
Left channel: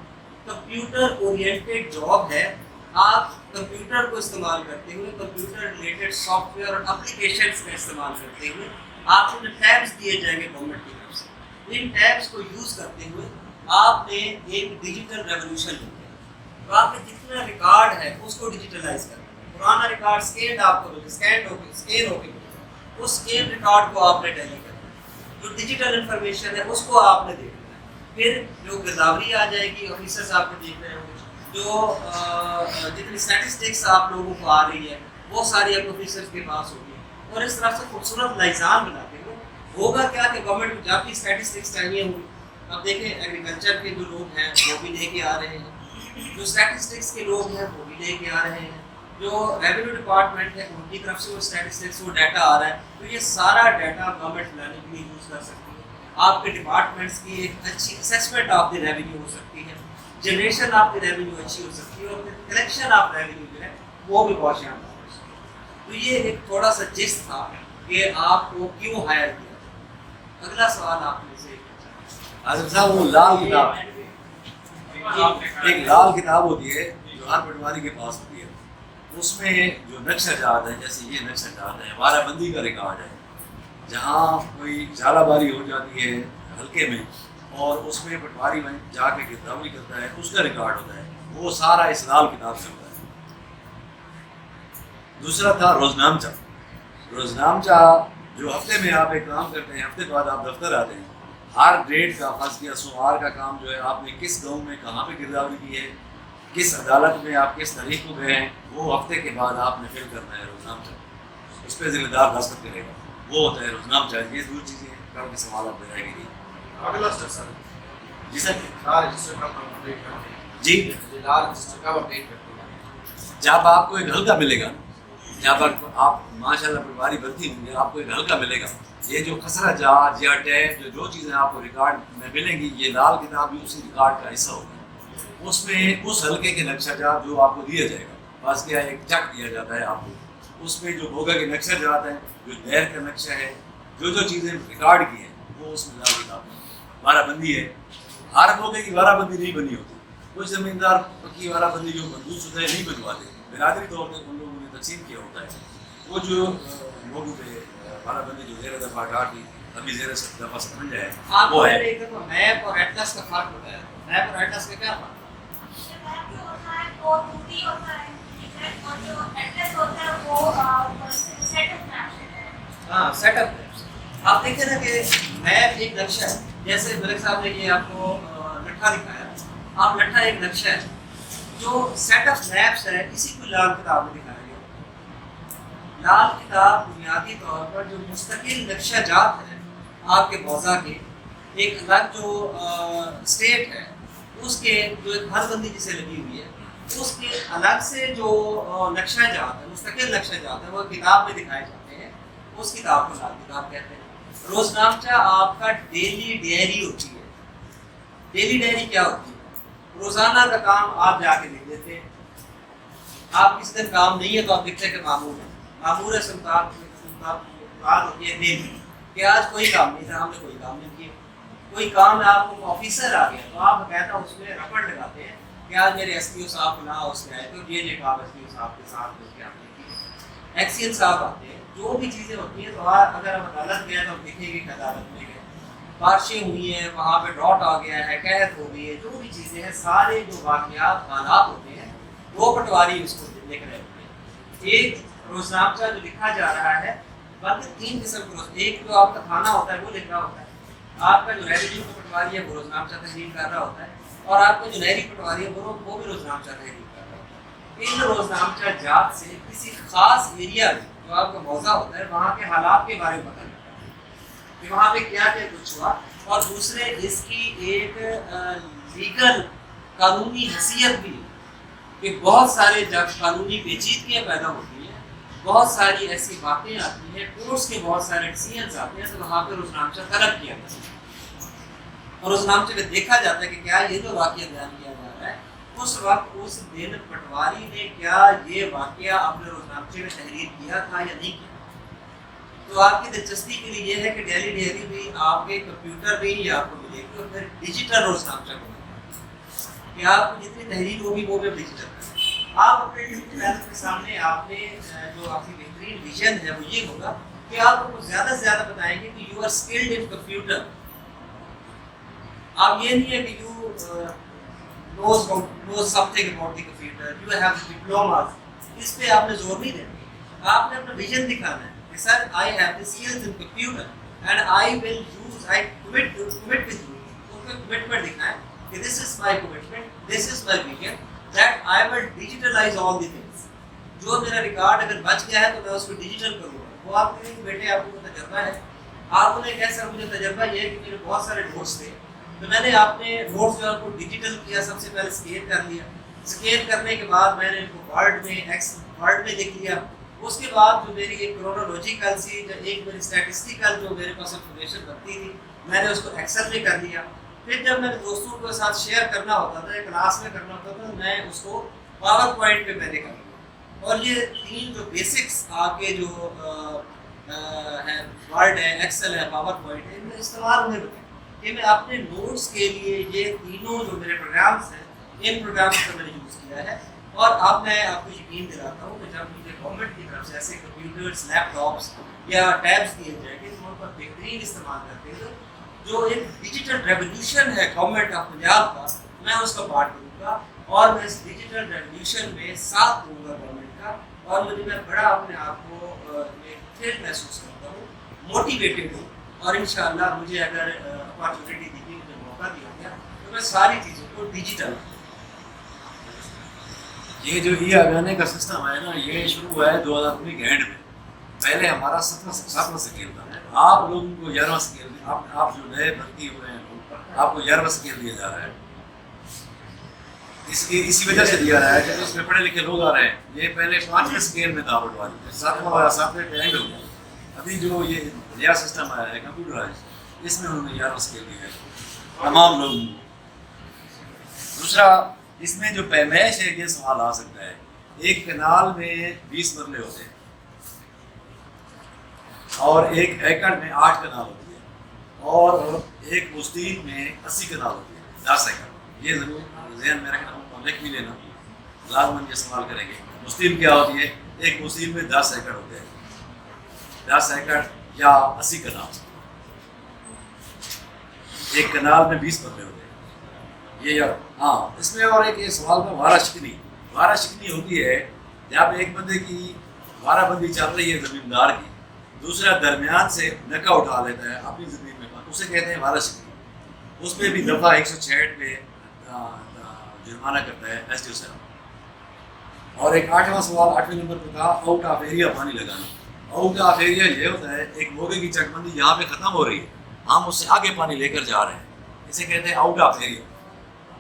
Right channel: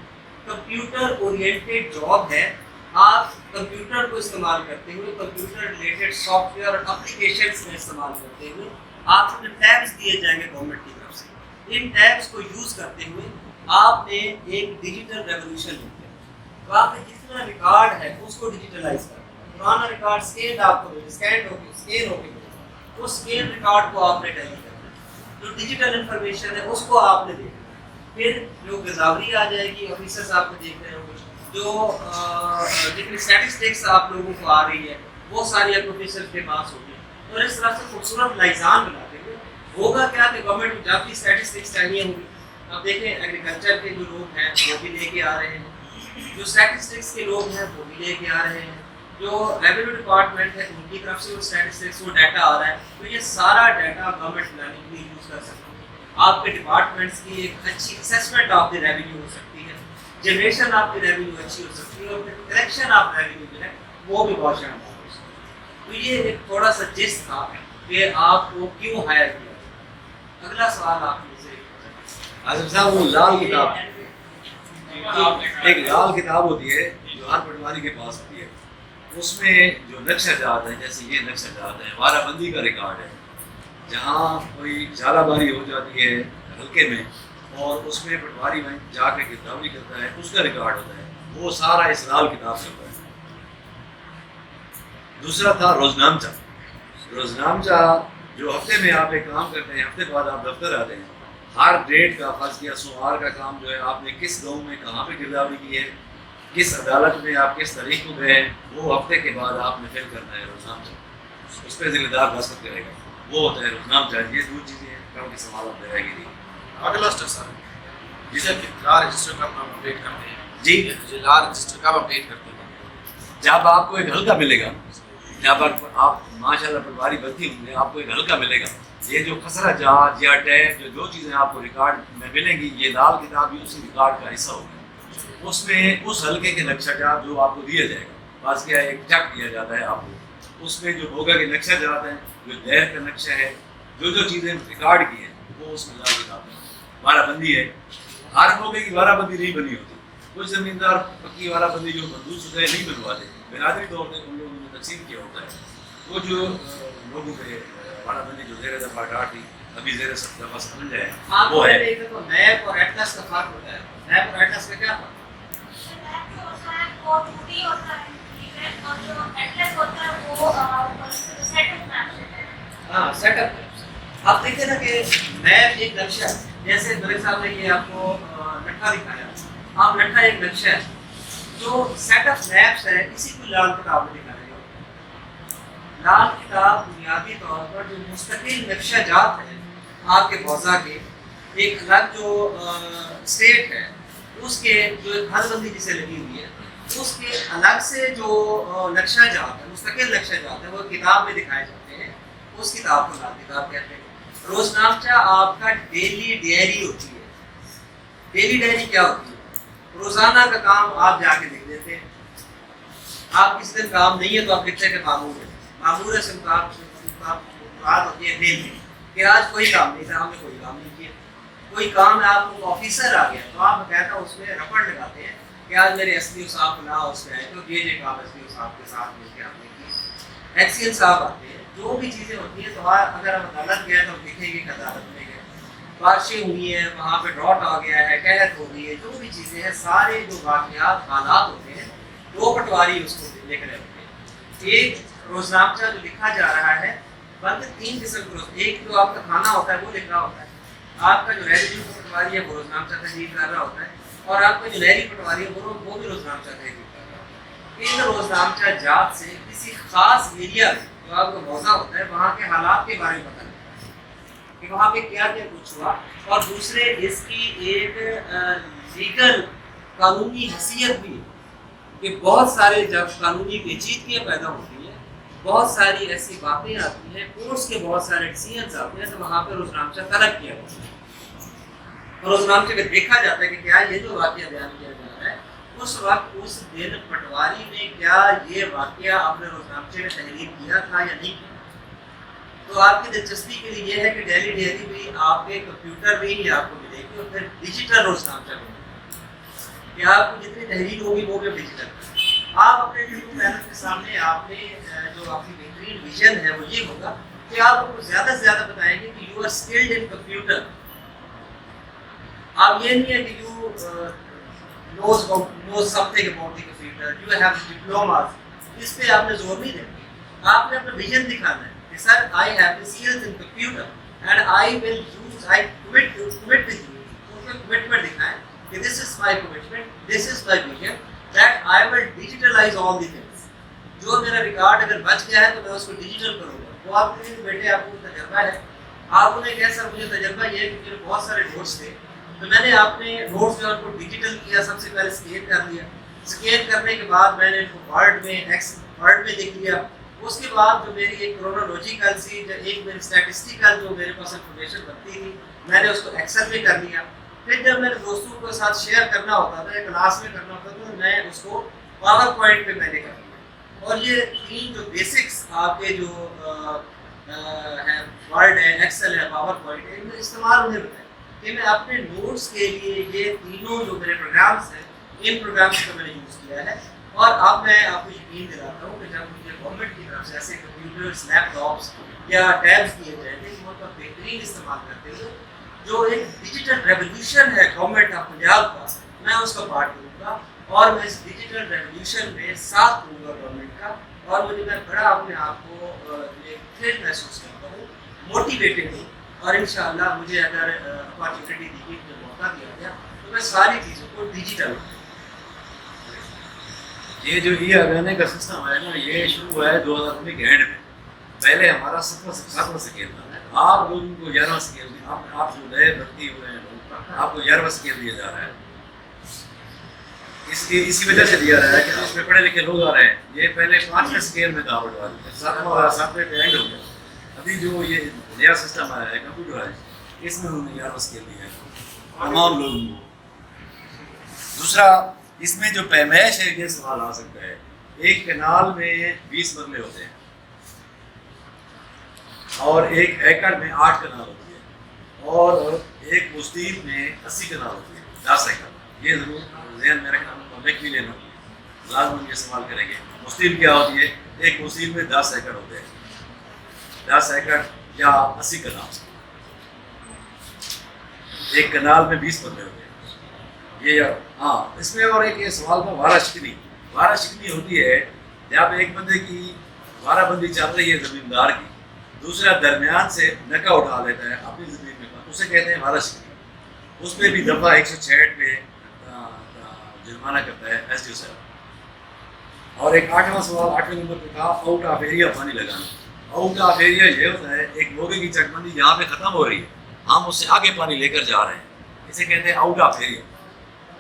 کمپیوٹر اورینٹیڈ جاب ہے. آپ کمپیوٹر کو استعمال کرتے ہوئے کمپیوٹر ریلیٹڈ سافٹ ویئر اور اپلیکیشنس کا استعمال کرتے ہوئے آپ کو جو ٹیبس دیے جائیں گے گورنمنٹ کی طرف سے، ان ٹیبس کو یوز کرتے ہوئے آپ نے ایک ڈیجیٹل ریولوشن لیا. تو آپ نے جتنا ریکارڈ ہے اس کو ڈیجیٹلائز کرنا ہے. پرانا ریکارڈ اسکینڈ آپ کو اسکین ہو کے اس اسکین ریکارڈ کو آپ نے ٹیلی کرنا ہے. جو ڈیجیٹل انفارمیشن ہے اس کو آپ نے دیکھنا ہے. پھر جو گرداوری آ جائے گی، آفیسرس آپ کو دیکھ رہے ہوں گے، جو جتنی اسٹیٹسٹکس آپ لوگوں کو آ رہی ہے وہ ساری آپ آفیسرس کے پاس ہوگی. اور اس طرح سے خوبصورت لائزان بناتے ہوئے ہوگا کیا کہ گورنمنٹ کو جب بھی اسٹیٹسٹکس چاہیے ہوگی. اب دیکھیں ایگریکلچر کے جو لوگ ہیں وہ بھی لے کے آ رہے ہیں، جو اسٹیٹسٹکس کے لوگ ہیں وہ بھی لے کے آ رہے ہیں، جو ریونیو ڈپارٹمنٹ ہے ان کی طرف سے وہ اسٹیٹسٹکس وہ ڈیٹا آ رہا ہے. تو یہ سارا ڈیٹا گورنمنٹ پلاننگ کے لیے یوز کر سکتی ہے. آپ کے ڈپارٹمنٹس کی ایک اچھی اسیسمنٹ آف دی ریونیو ہو سکتی ہے، جنریشن آف دی ریونیو اچھی ہو سکتی ہے، اور پھر کلیکشن آف ریونیو جو ہے وہ بھی بہت شاندار ہو سکتی ہے. تو یہ ایک تھوڑا سا جسٹ تھا کہ آپ کو کیوں ہائر کیا. اگلا سوال آپ میں سے آصف صاحب، وہ لال کتاب، ایک لال کتاب ہوتی ہے جو ہر پٹواری کے پاس ہوتی ہے. اس میں جو نقشہ جات ہے، جیسے یہ نقشہ جات ہے، وارہ بندی کا ریکارڈ ہے، جہاں کوئی ژالہ باری ہو جاتی ہے حلقے میں اور اس میں پٹواری میں جا کے گرداوری کرتا ہے، اس کا ریکارڈ ہوتا ہے. وہ سارا اس لال کتاب سے ہوتا ہے. دوسرا تھا روزنامچہ. روزنامچہ جو ہفتے میں آپ ایک کام کرتے ہیں، ہفتے بعد آپ دفتر آتے ہیں، ہر ڈیٹ کا فرض کیا سوموار کا کام جو ہے آپ نے کس گاؤں میں کہاں پہ گرداوری کی ہے، کس عدالت میں آپ کس تاریخ کو گئے ہیں، وہ ہفتے کے بعد آپ نے فل کرنا ہے روزنامچہ. اس پہ ذمہ دار دستخط کرے گا، وہ ہوتا ہے روزنامچہ. یہ 2 چیزیں ہیں. کل کے سوال آپ دے رہے گی. اگلا سٹیپ سر، جی سر لا رجسٹر کب اپڈیٹ کرتے ہیں؟ جی لا رجسٹر کب اپڈیٹ کرتے ہیں؟ جب آپ کو ایک ہلکا ملے گا، جب آپ ماشاء اللہ پٹواری بھرتی ہوں گے، آپ کو ایک ہلکا ملے گا. یہ جو خسرہ جات یا ٹیگ جو چیزیں آپ کو ریکارڈ میں ملیں گی، یہ لال کتاب بھی اسی ریکارڈ کا حصہ ہوگی. اس میں اس ہلکے کے نقشہ جات جو آپ کو دیا جائے گا، بعض کیا ایک چک دیا جاتا ہے آپ کو، اس میں جو بھوگا کے نقشہ جات ہیں، جو دیر کا نقشہ ہے، جو چیزیں ریکارڈ کی ہیں وہ اس میں لال کتاب میں وارہ بندی ہے. ہر موقع کی وارہ بندی نہیں بنی ہوتی. کچھ زمیندار پکی وارہ بندی جو منظور شدہ ہے نہیں بنواتے، برادری طور پہ ان لوگوں نے تقسیم کیا ہوتا ہے. وہ جو لوگوں پہ وارہ بندی جو زیر دفعہ ڈاٹ تھی، ابھی زیر دفعہ سمجھ ہے وہ ہے. میپ اور ایٹلس کا فرق ہوتا ہے. میپ اور ایٹلس کا کیا فرق ہاں سیٹ اپ. آپ دیکھیں نا کہ میپ ایک نقشہ ہے. جیسے ملک صاحب نے یہ آپ کو لٹھا دکھایا، آپ لٹھا ایک نقشہ ہے. جو سیٹ اپ میپس ہے اسی کو لال کتاب میں دکھایا گیا. لال کتاب بنیادی طور پر جو مستقل نقشہ جات ہے آپ کے موضوع کے، ایک الگ جو اسٹیٹ ہے اس کے جو ایک حد بندی جسے لگی ہوئی ہے، اس کے الگ سے جو نقشہ جات ہے، مستقل نقشہ جات ہے، وہ کتاب میں دکھائے جاتے ہیں. اس کتاب کو لال کتاب کہتے ہیں. روزنامچہ آپ کا ڈیلی ڈائری ہوتی ہے. ڈیلی ڈائری کیا ہوتی ہے؟ روزانہ کا کام آپ جا کے لکھ دیتے ہیں. آپ کسی دن کام نہیں ہے تو آپ لکھتے ہیں کہ معمول ہے. معمول سے مطابق ہوتی ہے دن میں کہ آج کوئی کام نہیں تھا، ہم نے کوئی کام نہیں کیا. کوئی کام ہے، آپ کو آفیسر آ گیا تو آپ باقاعدہ اس میں رپورٹ لگاتے ہیں کہ آج میرے ایس پی او صاحب فلاں اس میں آئے تو یہ کام ایس پی او صاحب کے ساتھ مل کے آپ نے کی. ایکسین صاحب آتے ہیں، جو بھی چیزیں ہوتی ہیں تو اگر ہم عدالت گئے تو ہم لکھیں گے کہ عدالت میں گئے. بارشیں ہوئی ہیں، وہاں پہ ڈراٹ آ گیا ہے، قحط ہو گئی ہے، جو بھی چیزیں ہیں، سارے جو واقعات حالات ہوتے ہیں وہ پٹواری اس کو لکھ رہے ہوتے ہیں. ایک روزنامچہ جو لکھا جا رہا ہے بلکہ 3 قسم کے، ایک جو آپ کا کھانا ہوتا ہے وہ لکھ رہا ہوتا ہے، آپ کا جو ریوینیو کا پٹواری ہے وہ روزنامچہ تحریر کر رہا ہوتا ہے، اور آپ کا جو نہری پٹواری ہے وہ بھی روزنامچہ تحریر کر رہا ہوتا ہے. ان روزنامچہ جات سے کسی خاص ایریا میں جو آپ کا موضوع ہوتا ہے وہاں کے حالات کے بارے میں پتہ لگتا ہے کہ وہاں پہ کیا کیا کچھ ہوا. اور دوسرے اس کی ایک لیگل قانونی حیثیت بھی ہے کہ بہت سارے جب قانونی پیچیدگیاں پیدا ہوتی ہیں، بہت ساری ایسی باتیں آتی ہیں، کورٹس کے بہت سارے ڈیسیژنز آتے ہیں، تو وہاں پہ روزنامچہ طلب کیا جاتا ہے اور روزنامچے میں دیکھا جاتا ہے کہ کیا یہ جو واقعہ بیان کیا جا رہا ہے اس وقت اس دن پٹواری نے کیا یہ واقعہ اپنے روزنامچے میں تحریر کیا تھا یا نہیں کیا. تو آپ کی دلچسپی کے لیے یہ ہے کہ ڈیلی ڈائری بھی آپ کے کمپیوٹر میں ہی آپ کو ملے گی اور پھر ڈیجیٹل روزنامچہ ملے گا کہ آپ کو جتنی تحریر ہوگی وہ بھی ڈیجیٹل ہے. آپ اپنے یوٹیوب چینل کے سامنے آپ نے جو آپ کی بہترین ویژن ہے وہ یہ ہوگا کہ آپ ان کو زیادہ سے زیادہ بتائیں گے کہ you are skilled in computer. آپ یہ نہیں ہے کہ you knows something about the computer, you have diplomas. اس پہ آپ نے زور نہیں دینا. آپ نے اپنا ویژن دکھانا ہے کہ سر I have the skills in computer and I will use, I commit with you. اس میں commitment دکھائیں کہ this is my commitment, this is my vision that I will digitalize all the things. جو میرا ریکارڈ اگر بچ گیا ہے تو میں اس کو ڈیجیٹل کروں گا. وہ آپ کے بیٹے آپ کو تجربہ ہے. آپ انہیں کہہ سر مجھے تجربہ یہ ہے کہ میرے بہت سارے نوٹس تھے تو میں نے اپنے نوٹس جو ہے ان کو ڈیجیٹل کیا. سب سے پہلے اسکین کر لیا. اسکین کرنے کے بعد میں نے ان کو ورڈ میں لکھ لیا. اس کے بعد جو میری ایک کرونالوجیکل سی ایک میری اسٹیٹسٹیکل جو میرے پاس انفارمیشن بنتی تھی میں نے اس کو ایکسل میں کر لیا. پھر جب میں نے دوستوں کے ساتھ شیئر کرنا ہوتا تھا یا کلاس میں کرنا ہوتا تھا تو میں اس کو پاور پوائنٹ پہ میں نے کر لیا. اور یہ 3 جو بیسکس آپ کے جو ہے ورڈ ہے، ایکسل ہے، پاور پوائنٹ ہے، ان کا استعمال انہیں بتائیں کہ میں اپنے نوٹس کے لیے یہ تینوں جو میرے پروگرامس ہیں ان پروگرامس کا میں نے یوز کیا ہے. اور اب میں آپ کو یقین دلاتا ہوں کہ جب مجھے گورنمنٹ کی طرف سے ایسے کمپیوٹرس، لیپ ٹاپس یا ٹیبس دیے جائیں گے ان کا بہترین استعمال کرتے ہوئے جو ایک ڈیجیٹل ریولیوشن ہے گورنمنٹ آف پنجاب کا، میں اس کا پارٹ کروں گا اور میں اس ڈیجیٹل ریولیوشن میں ساتھ دوں گا گورنمنٹ کا. اور میں بڑا اپنے آپ کو تھرل محسوس کرتا ہوں، موٹیویٹڈ ہوں. اور انشاءاللہ مجھے اگر اپارچونیٹی دی گئی، مجھے موقع دیا گیا تو میں ساری چیزوں کو ڈیجیٹل. یہ جو ای آگانے کا سسٹم ہے نا، یہ شروع ہوا ہے 2019 کے اینڈ میں. پہلے ہمارا 7واں سکیل تھا. آپ لوگوں کو 11واں سکیل دیا. آپ جو نئے بھرتی ہوئے ہیں آپ کو 11واں سکیل دیا جا رہا ہے. اس کی وجہ سے دیا رہا ہے کہ اس میں پڑھے لکھے لوگ آ رہے ہیں. یہ پہلے 5ویں اسکیل میں تھا آؤٹ والی, 7ویں پہ اینڈ ہو گیا. ابھی جو یہ نیا سسٹم آیا ہے کمپیوٹرائز, اس میں انہوں نے 11واں اسکیل دیا ہے تمام لوگوں کو. دوسرا اس میں جو پیمائش ہے یہ سوال آ سکتا ہے, ایک کنال میں 20 مرلے ہوتے ہیں اور ایک ایکڑ میں 8 کنال ہوتی ہے اور ایک مستطیل میں 80 کنال ہوتی ہے, 10 ایکڑ. یہ ضرور ذہن میں رکھنا, لکھ بھی لینا, لازماً یہ استعمال کریں گے. مستطیل کیا ہوتی ہے؟ ایک مستطیل میں 10 ایکڑ ہوتے ہیں, 10 ایکڑ یا 80 کنال. ایک کنال میں 20 مرلے ہوتے ہیں. یہ ہاں, اس میں اور ایک یہ سوال تھا وارہ شکنی. وارہ شکنی ہوتی ہے جب ایک بندے کی وارہ بندی چل رہی ہے زمیندار کی, دوسرا درمیان سے نکا اٹھا لیتا ہے اپنی زمین میں, اسے کہتے ہیں وارہ شکنی. اس میں بھی دفعہ 166 پہ جرمانہ کرتا ہے ایس ڈی او صاحب. اور ایک 8واں سوال 8ویں نمبر پہ تھا آؤٹ آف ایریا پانی لگانا. آؤٹ آف ایریا یہ ہوتا ہے ایک موگے کی چک بندی یہاں پہ ختم ہو رہی ہے, ہم اس سے آگے پانی لے کر جا رہے ہیں, اسے کہتے ہیں آؤٹ آف ایریا.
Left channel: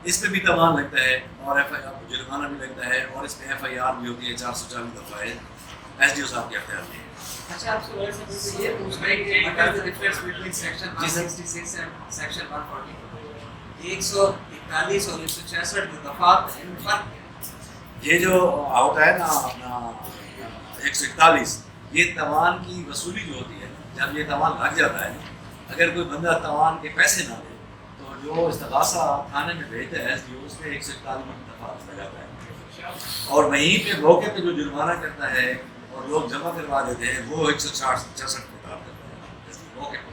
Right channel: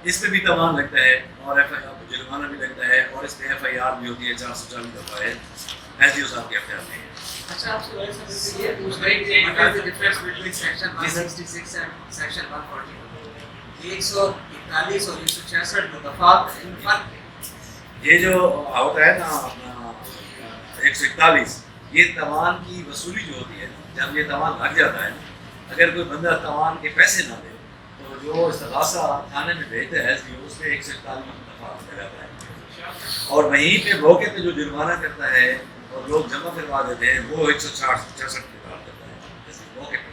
اس پہ بھی تاوان لگتا ہے اور جرمانہ بھی لگتا ہے اور اس پہ FIR بھی ہوتی ہے 440 دفعہ ہے ایس ڈی او صاحب کے اختیار میں. اچھا, آپ سے یہ پوچھ رہے ہیں کہ what is the difference between section 166 and section 140? 141 اور 166 جو دفعات ان فرق ہے. یہ جو ہوتا ہے نا اپنا 141, یہ تاوان کی وصولی جو ہوتی ہے, جب یہ تاوان لگ جاتا ہے, اگر کوئی بندہ تاوان کے پیسے نہ دے تو جو استغاثہ تھانے میں بھیجتا ہے ایس ڈی او, اس پہ 141 دفعہ لگاتا ہے. اور وہیں پہ موقع پہ جو جرمانہ کرتا ہے اور لوگ جمع کروا دیتے ہیں وہ 166 پہ کام کرتا ہے موقع پہ.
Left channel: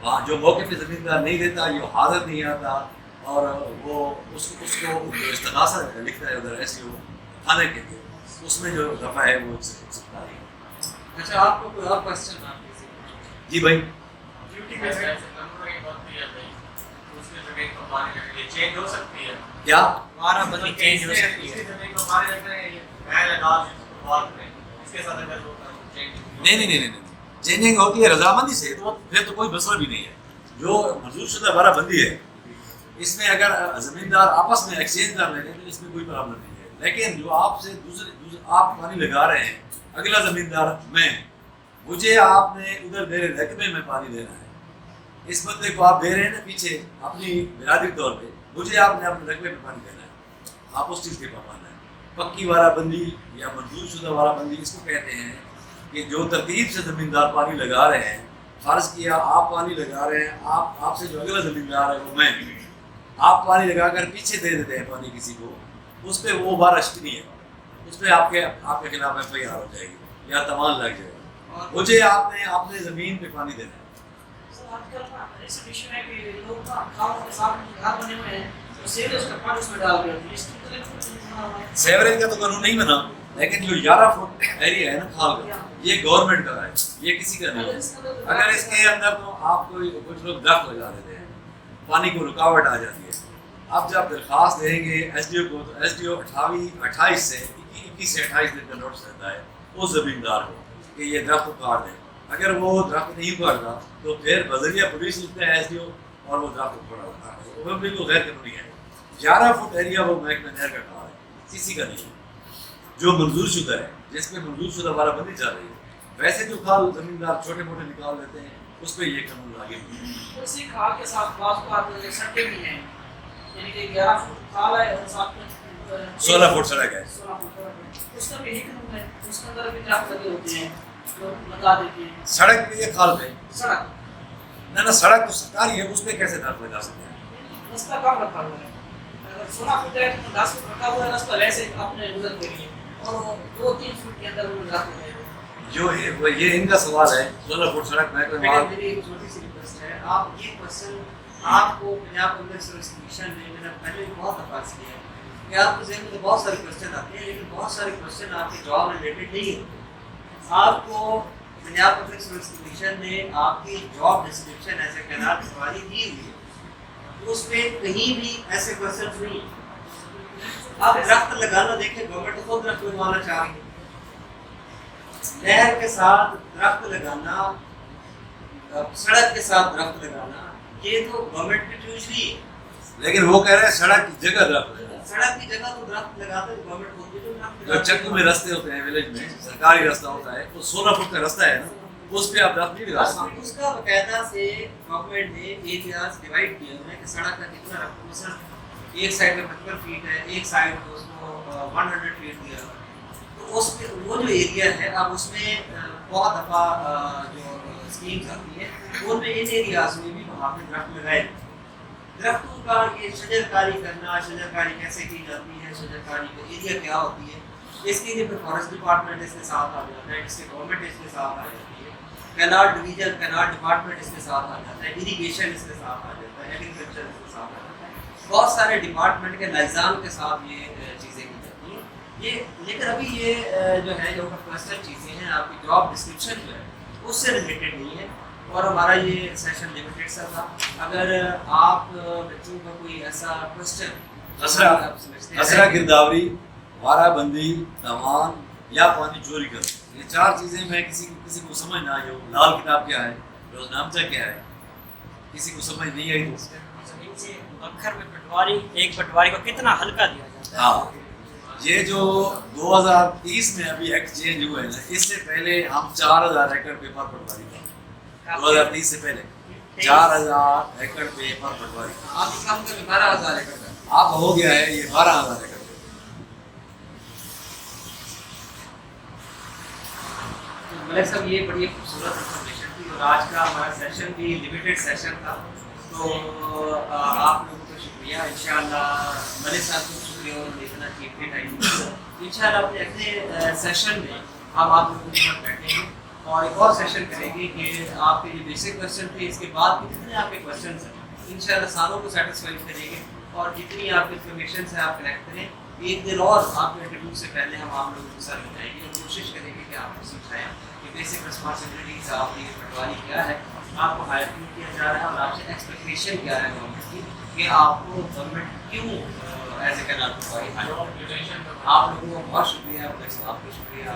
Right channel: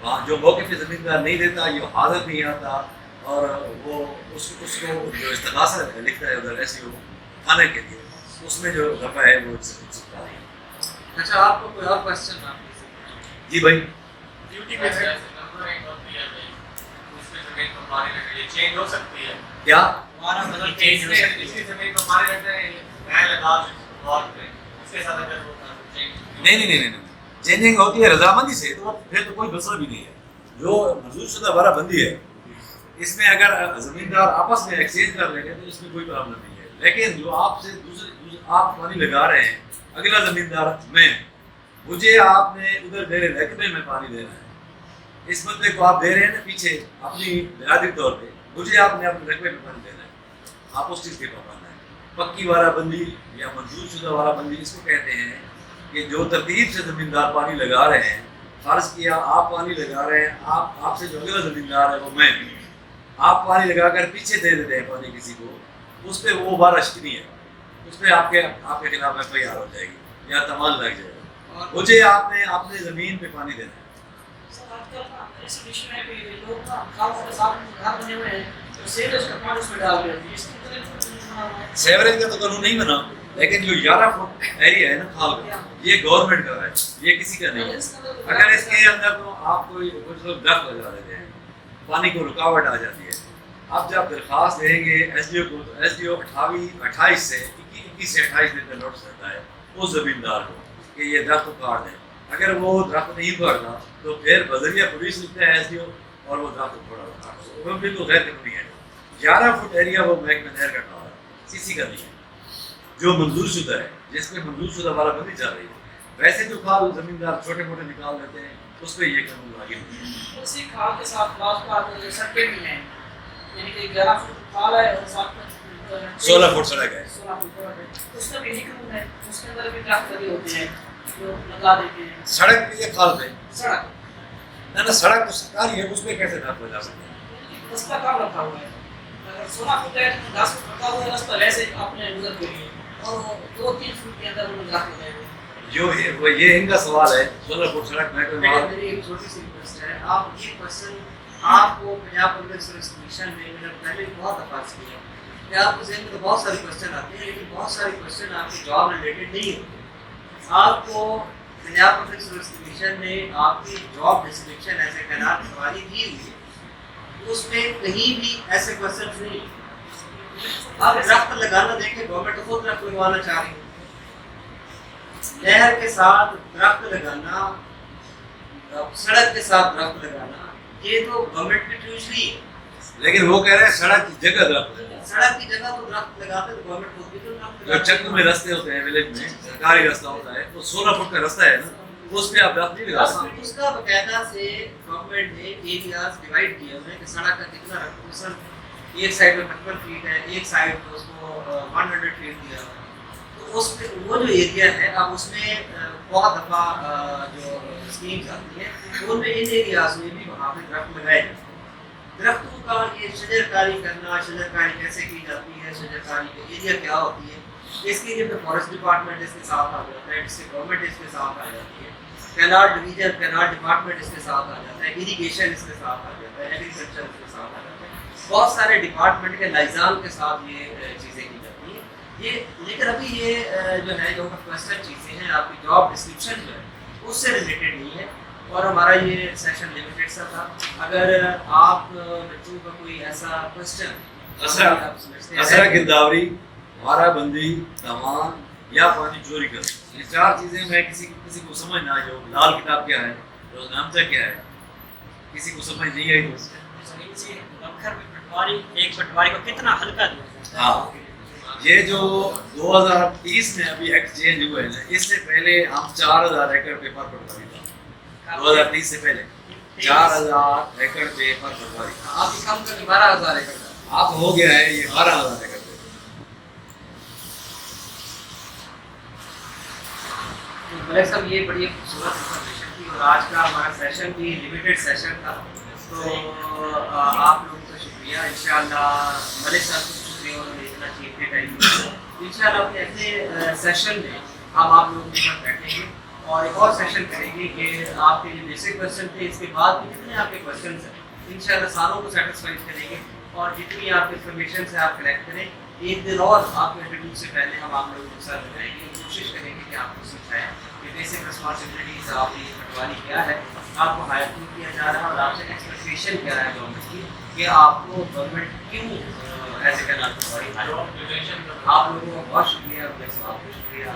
وہاں جو موقع پہ زمیندار نہیں دیتا, یہ حاضر نہیں آتا, اور وہ اس کو جو استغاثہ لکھتا ہے ادھر ایس ڈی او تھانے کے لیے, اس میں جو دفعہ ہے وہ 146. اچھا, آپ کو کوئی اور کوشچن؟ جی بھائی. ڈیوٹی پہ سے نمبر ایک ہوتی ہے بھائی, اس میں زمین کو مارنے لگے یہ چینج ہو سکتی ہے کیا ہمارا بدل چینج ہو سکتی ہے, اس کی زمین کو مارنے لگتے ہیں غیر لگا اور اس کے ساتھ اگر وہ چینج نہیں, چینجنگ ہوتی ہے رضامندی سے, تو پھر تو کوئی مسئلہ بھی نہیں ہے. جو منظور شدہ وارہ بندی ہے اس میں اگر زمیندار آپس میں ایکسچینج کر لیں گے تو اس میں کوئی پرابلم نہیں ہے. لیکن جو آپ سے دوسرے آپ پانی لگا رہے ہیں, اگلا زمیندار میں, مجھے آپ نے ادھر میرے رقبے میں پانی دینا ہے, اس بندے کو آپ دے رہے ہیں نا پیچھے اپنی برادری طور پہ, مجھے آپ نے اپنے رقبے میں پانی دینا ہے, آپ اس چیز کے پابند ہیں. پکی وارہ بندی یا منظور شدہ وارہ بندی اس کو کہتے ہیں کہ جو ترتیب سے زمیندار پانی لگا رہے ہیں, فرض کیا آپ پانی لگا رہے ہیں, آپ سے جو اگلا زمیندار ہے وہ میں, آپ پانی لگا کر پیچھے دے دیتے ہیں پانی کسی کو, اس پہ وہ وارہ شکنی ہے, اس پہ آپ کے خلاف FIR ہو جائے گی یا تاوان لگ جائے گا. مجھے آپ نے اپنے زمین پہ پانی دینا ہے. سیوریج کا تو قانون نہیں بنا, لیکن جو 11 فٹ ایریا ہے نا کھال کا, یہ گورنمنٹ کا ہے, یہ کسی کا نہیں ہے. اگر اس کے اندر تو آپ کو کچھ لوگ درخت لگا دیتے ہیں, پانی کو رکاوٹ آ جاتی ہے. اب جب درخواست دیں گے ایس ڈی او کو, تو ایس ڈی او 28 سے 28 دن کا نوٹس دیتا ہے اس زمیندار کو کہ یہ درخت اکاڑ دیں. اگر وہ درخت نہیں اکاڑتا تو پھر بذریعہ پولیس لکھتا ہے ایس ڈی او اور وہ درخت اکاڑتا ہے. وہ بالکل غیر قانونی ہے. 11 فٹ ایریا وہ محکمہ نہر کا کھال ہے, کسی کا نہیں ہے, جو منظور شدہ ہے, جس پہ منظور شدہ وارہ بندی چل رہی ہے. ویسے جو کھال زمیندار چھوٹے موٹے نکال دیتے ہیں اس پہ یہ قانون لاگو نہیں ہے. اسی کھال کے ساتھ بعض بات سڑکیں بھی ہیں, یعنی کہ 11 فٹ کھال ہے اور ساتھ میں 16 فٹ سڑک ہے. 16 فٹ سڑک ہے, اس کا بھی یہی قانون ہے, اس کے اندر بھی درخت لگے ہوتے ہیں جو لگا دیتے ہیں. سڑک پہ یہ کھال ہے, سڑک نہ سڑک تو سرکاری ہے, اس پہ کیسے درخت لگا سکتے ہیں؟ اس کا کام رکھا ہوا ہے. 16 فٹ ہے, 10 فٹ رکھا ہوا ہے, اس پر ایسے اپنے گزر کے لیے, اور 2-3 فٹ کے اندر وہ درخت لگے ہوئے. جو یہ ان کا سوال ہے 16 فٹ سڑک محکمہ مال. میری ایک چھوٹی سی ریکویسٹ ہے, آپ یہ کوشچن آپ کو پنجاب پبلک سروس کمیشن نے میں نے پہلے بہت دفعہ کیا کہ آپ کے ذہن میں بہت ساری کوشچن آتی ہیں, لیکن بہت ساری کوشچن آپ کے جواب ریلیٹڈ نہیں ہوتے. آپ کو پنجاب پبلک سروس کمیشن نے آپ کی جاب ڈسکرپشن ایسے خیالات سواری دی ہوئی ہے, اس پہ کہیں بھی ایسے کوشچن نہیں. آپ درخت لگانا دیکھیں, گورنمنٹ خود درخت لگوانا چاہ رہی ہے. نہر کے ساتھ درخت لگانا, سڑک کے ساتھ درخت لگانا, یہ تو گورنمنٹ کی ٹیوشنی ہے. لیکن وہ کہہ رہے ہیں سڑک کی جگہ درخت لگاؤ. سڑک کی جگہ تو درخت لگاتے ہیں گورنمنٹ خود بھی تو درخت جو چکوں میں رستے ہوتے ہیں ولیج میں سرکاری رستہ ہوتا ہے وہ 16 فٹ کا رستہ ہے نا, اس پہ آپ درخت نہیں لگا سکتے. اس کا باقاعدہ سے گورنمنٹ نے ایریاز ڈیوائڈ کیے ہوئے ہیں کہ سڑک کا کتنا رقم, ایک سائڈ میں 55 فیٹ ہے, ایک سائڈ پہ اس کو 100 فیٹ دیا ہوا ہے. تو اس پہ وہ جو ایریا ہے اب اس میں بہت دفعہ جو اسکیمز آتی ہیں ان میں ان ایریاز میں بھی وہاں پہ درخت لگائے جاتے ہیں. درختوں کا یہ شجر کاری کرنا, شجر کاری کیسے کی جاتی ہے, شجر کاری کا ایریا کیا ہوتی ہے, اس کے لیے پھر فارسٹ ڈپارٹمنٹ اس کے ساتھ آ جاتا ہے, اس کے گورنمنٹ اس کے ساتھ آ جاتی ہے, کینال ڈویژن کینال ڈپارٹمنٹ اس کے ساتھ آ جاتا ہے, اریگیشن اس کے ساتھ آ جاتا ہے, ایگریکلچر اس کے ساتھ آ جاتا ہے. بہت سارے ڈپارٹمنٹ کے لائزان کے ساتھ یہ چیزیں کی جاتی ہیں. یہ لیکن ابھی یہ جو ہے جو کوسچن چیزیں ہیں آپ کی جاب ڈسکرپشن جو ہے اس سے ریلیٹڈ نہیں ہے, اور ہمارا یہ سیشن لمیٹڈ سا تھا. اگر آپ بچوں کا کوئی ایسا کوسچن اسرا گرداوری, وارہ بندی, تاوان یا پانی چوری کرنا, یہ 4 چیزیں میں کسی کو سمجھ نہ آئی ہو. لال کتاب کیا ہے, روزنامچہ کیا ہے, کسی کو سمجھ نہیں آئی تو بکھر میں پٹواری, ایک پٹواری کو کتنا ہلکا دیا. ہاں, یہ جو 2030 میں ابھی ایکٹ چینج ہوئے ہیں, اس سے پہلے ہم 4000 ایکڑ پیپر پٹواری تھا. 2030 سے پہلے 4000 ایکڑ پیپر پٹواری تھا. آپ اس کام کا 12000 ایکڑ کا اب ہو گیا ہے یہ 12000 ایکڑ. ملک صاحب یہ بڑی خوبصورت انفارمیشن تھی, اور آج کا ہمارا سیشن بھی لمیٹڈ سیشن تھا. تو آپ لوگوں کا شکریہ. انشاءاللہ ملک صاحب کو شکریہ, انہوں نے اتنا قیمتی ٹائم دیا. انشاءاللہ اپنے اگلے سیشن میں ہم آپ لوگوں کے ساتھ بیٹھیں گے اور ایک اور سیشن کریں گے کہ آپ کے جو بیسک کویشچن تھے اس کے بعد بھی جتنے آپ کے کویشچنس ہیں انشاءاللہ ساروں کو سیٹسفائی کریں گے, اور جتنی آپ کی انفارمیشن ہے آپ کلیکٹ کریں. ایک دن اور آپ کے انٹرویو سے پہلے ہم آپ لوگوں کے ساتھ بتائیں گے, کوشش کریں گے کہ آپ کو سمجھائیں کہ بیسک رسپانسبلٹیز آپ کی پٹواری کیا ہے, آپ کو ہائر کیوں کیا جا رہا ہے, اور آپ سے ایکسپیکٹیشن کیا ہے گورنمنٹ کی کہ آپ کو گورنمنٹ کیوں as a canal patwari hire. آپ لوگوں کا بہت شکریہ, آپ کو شکریہ.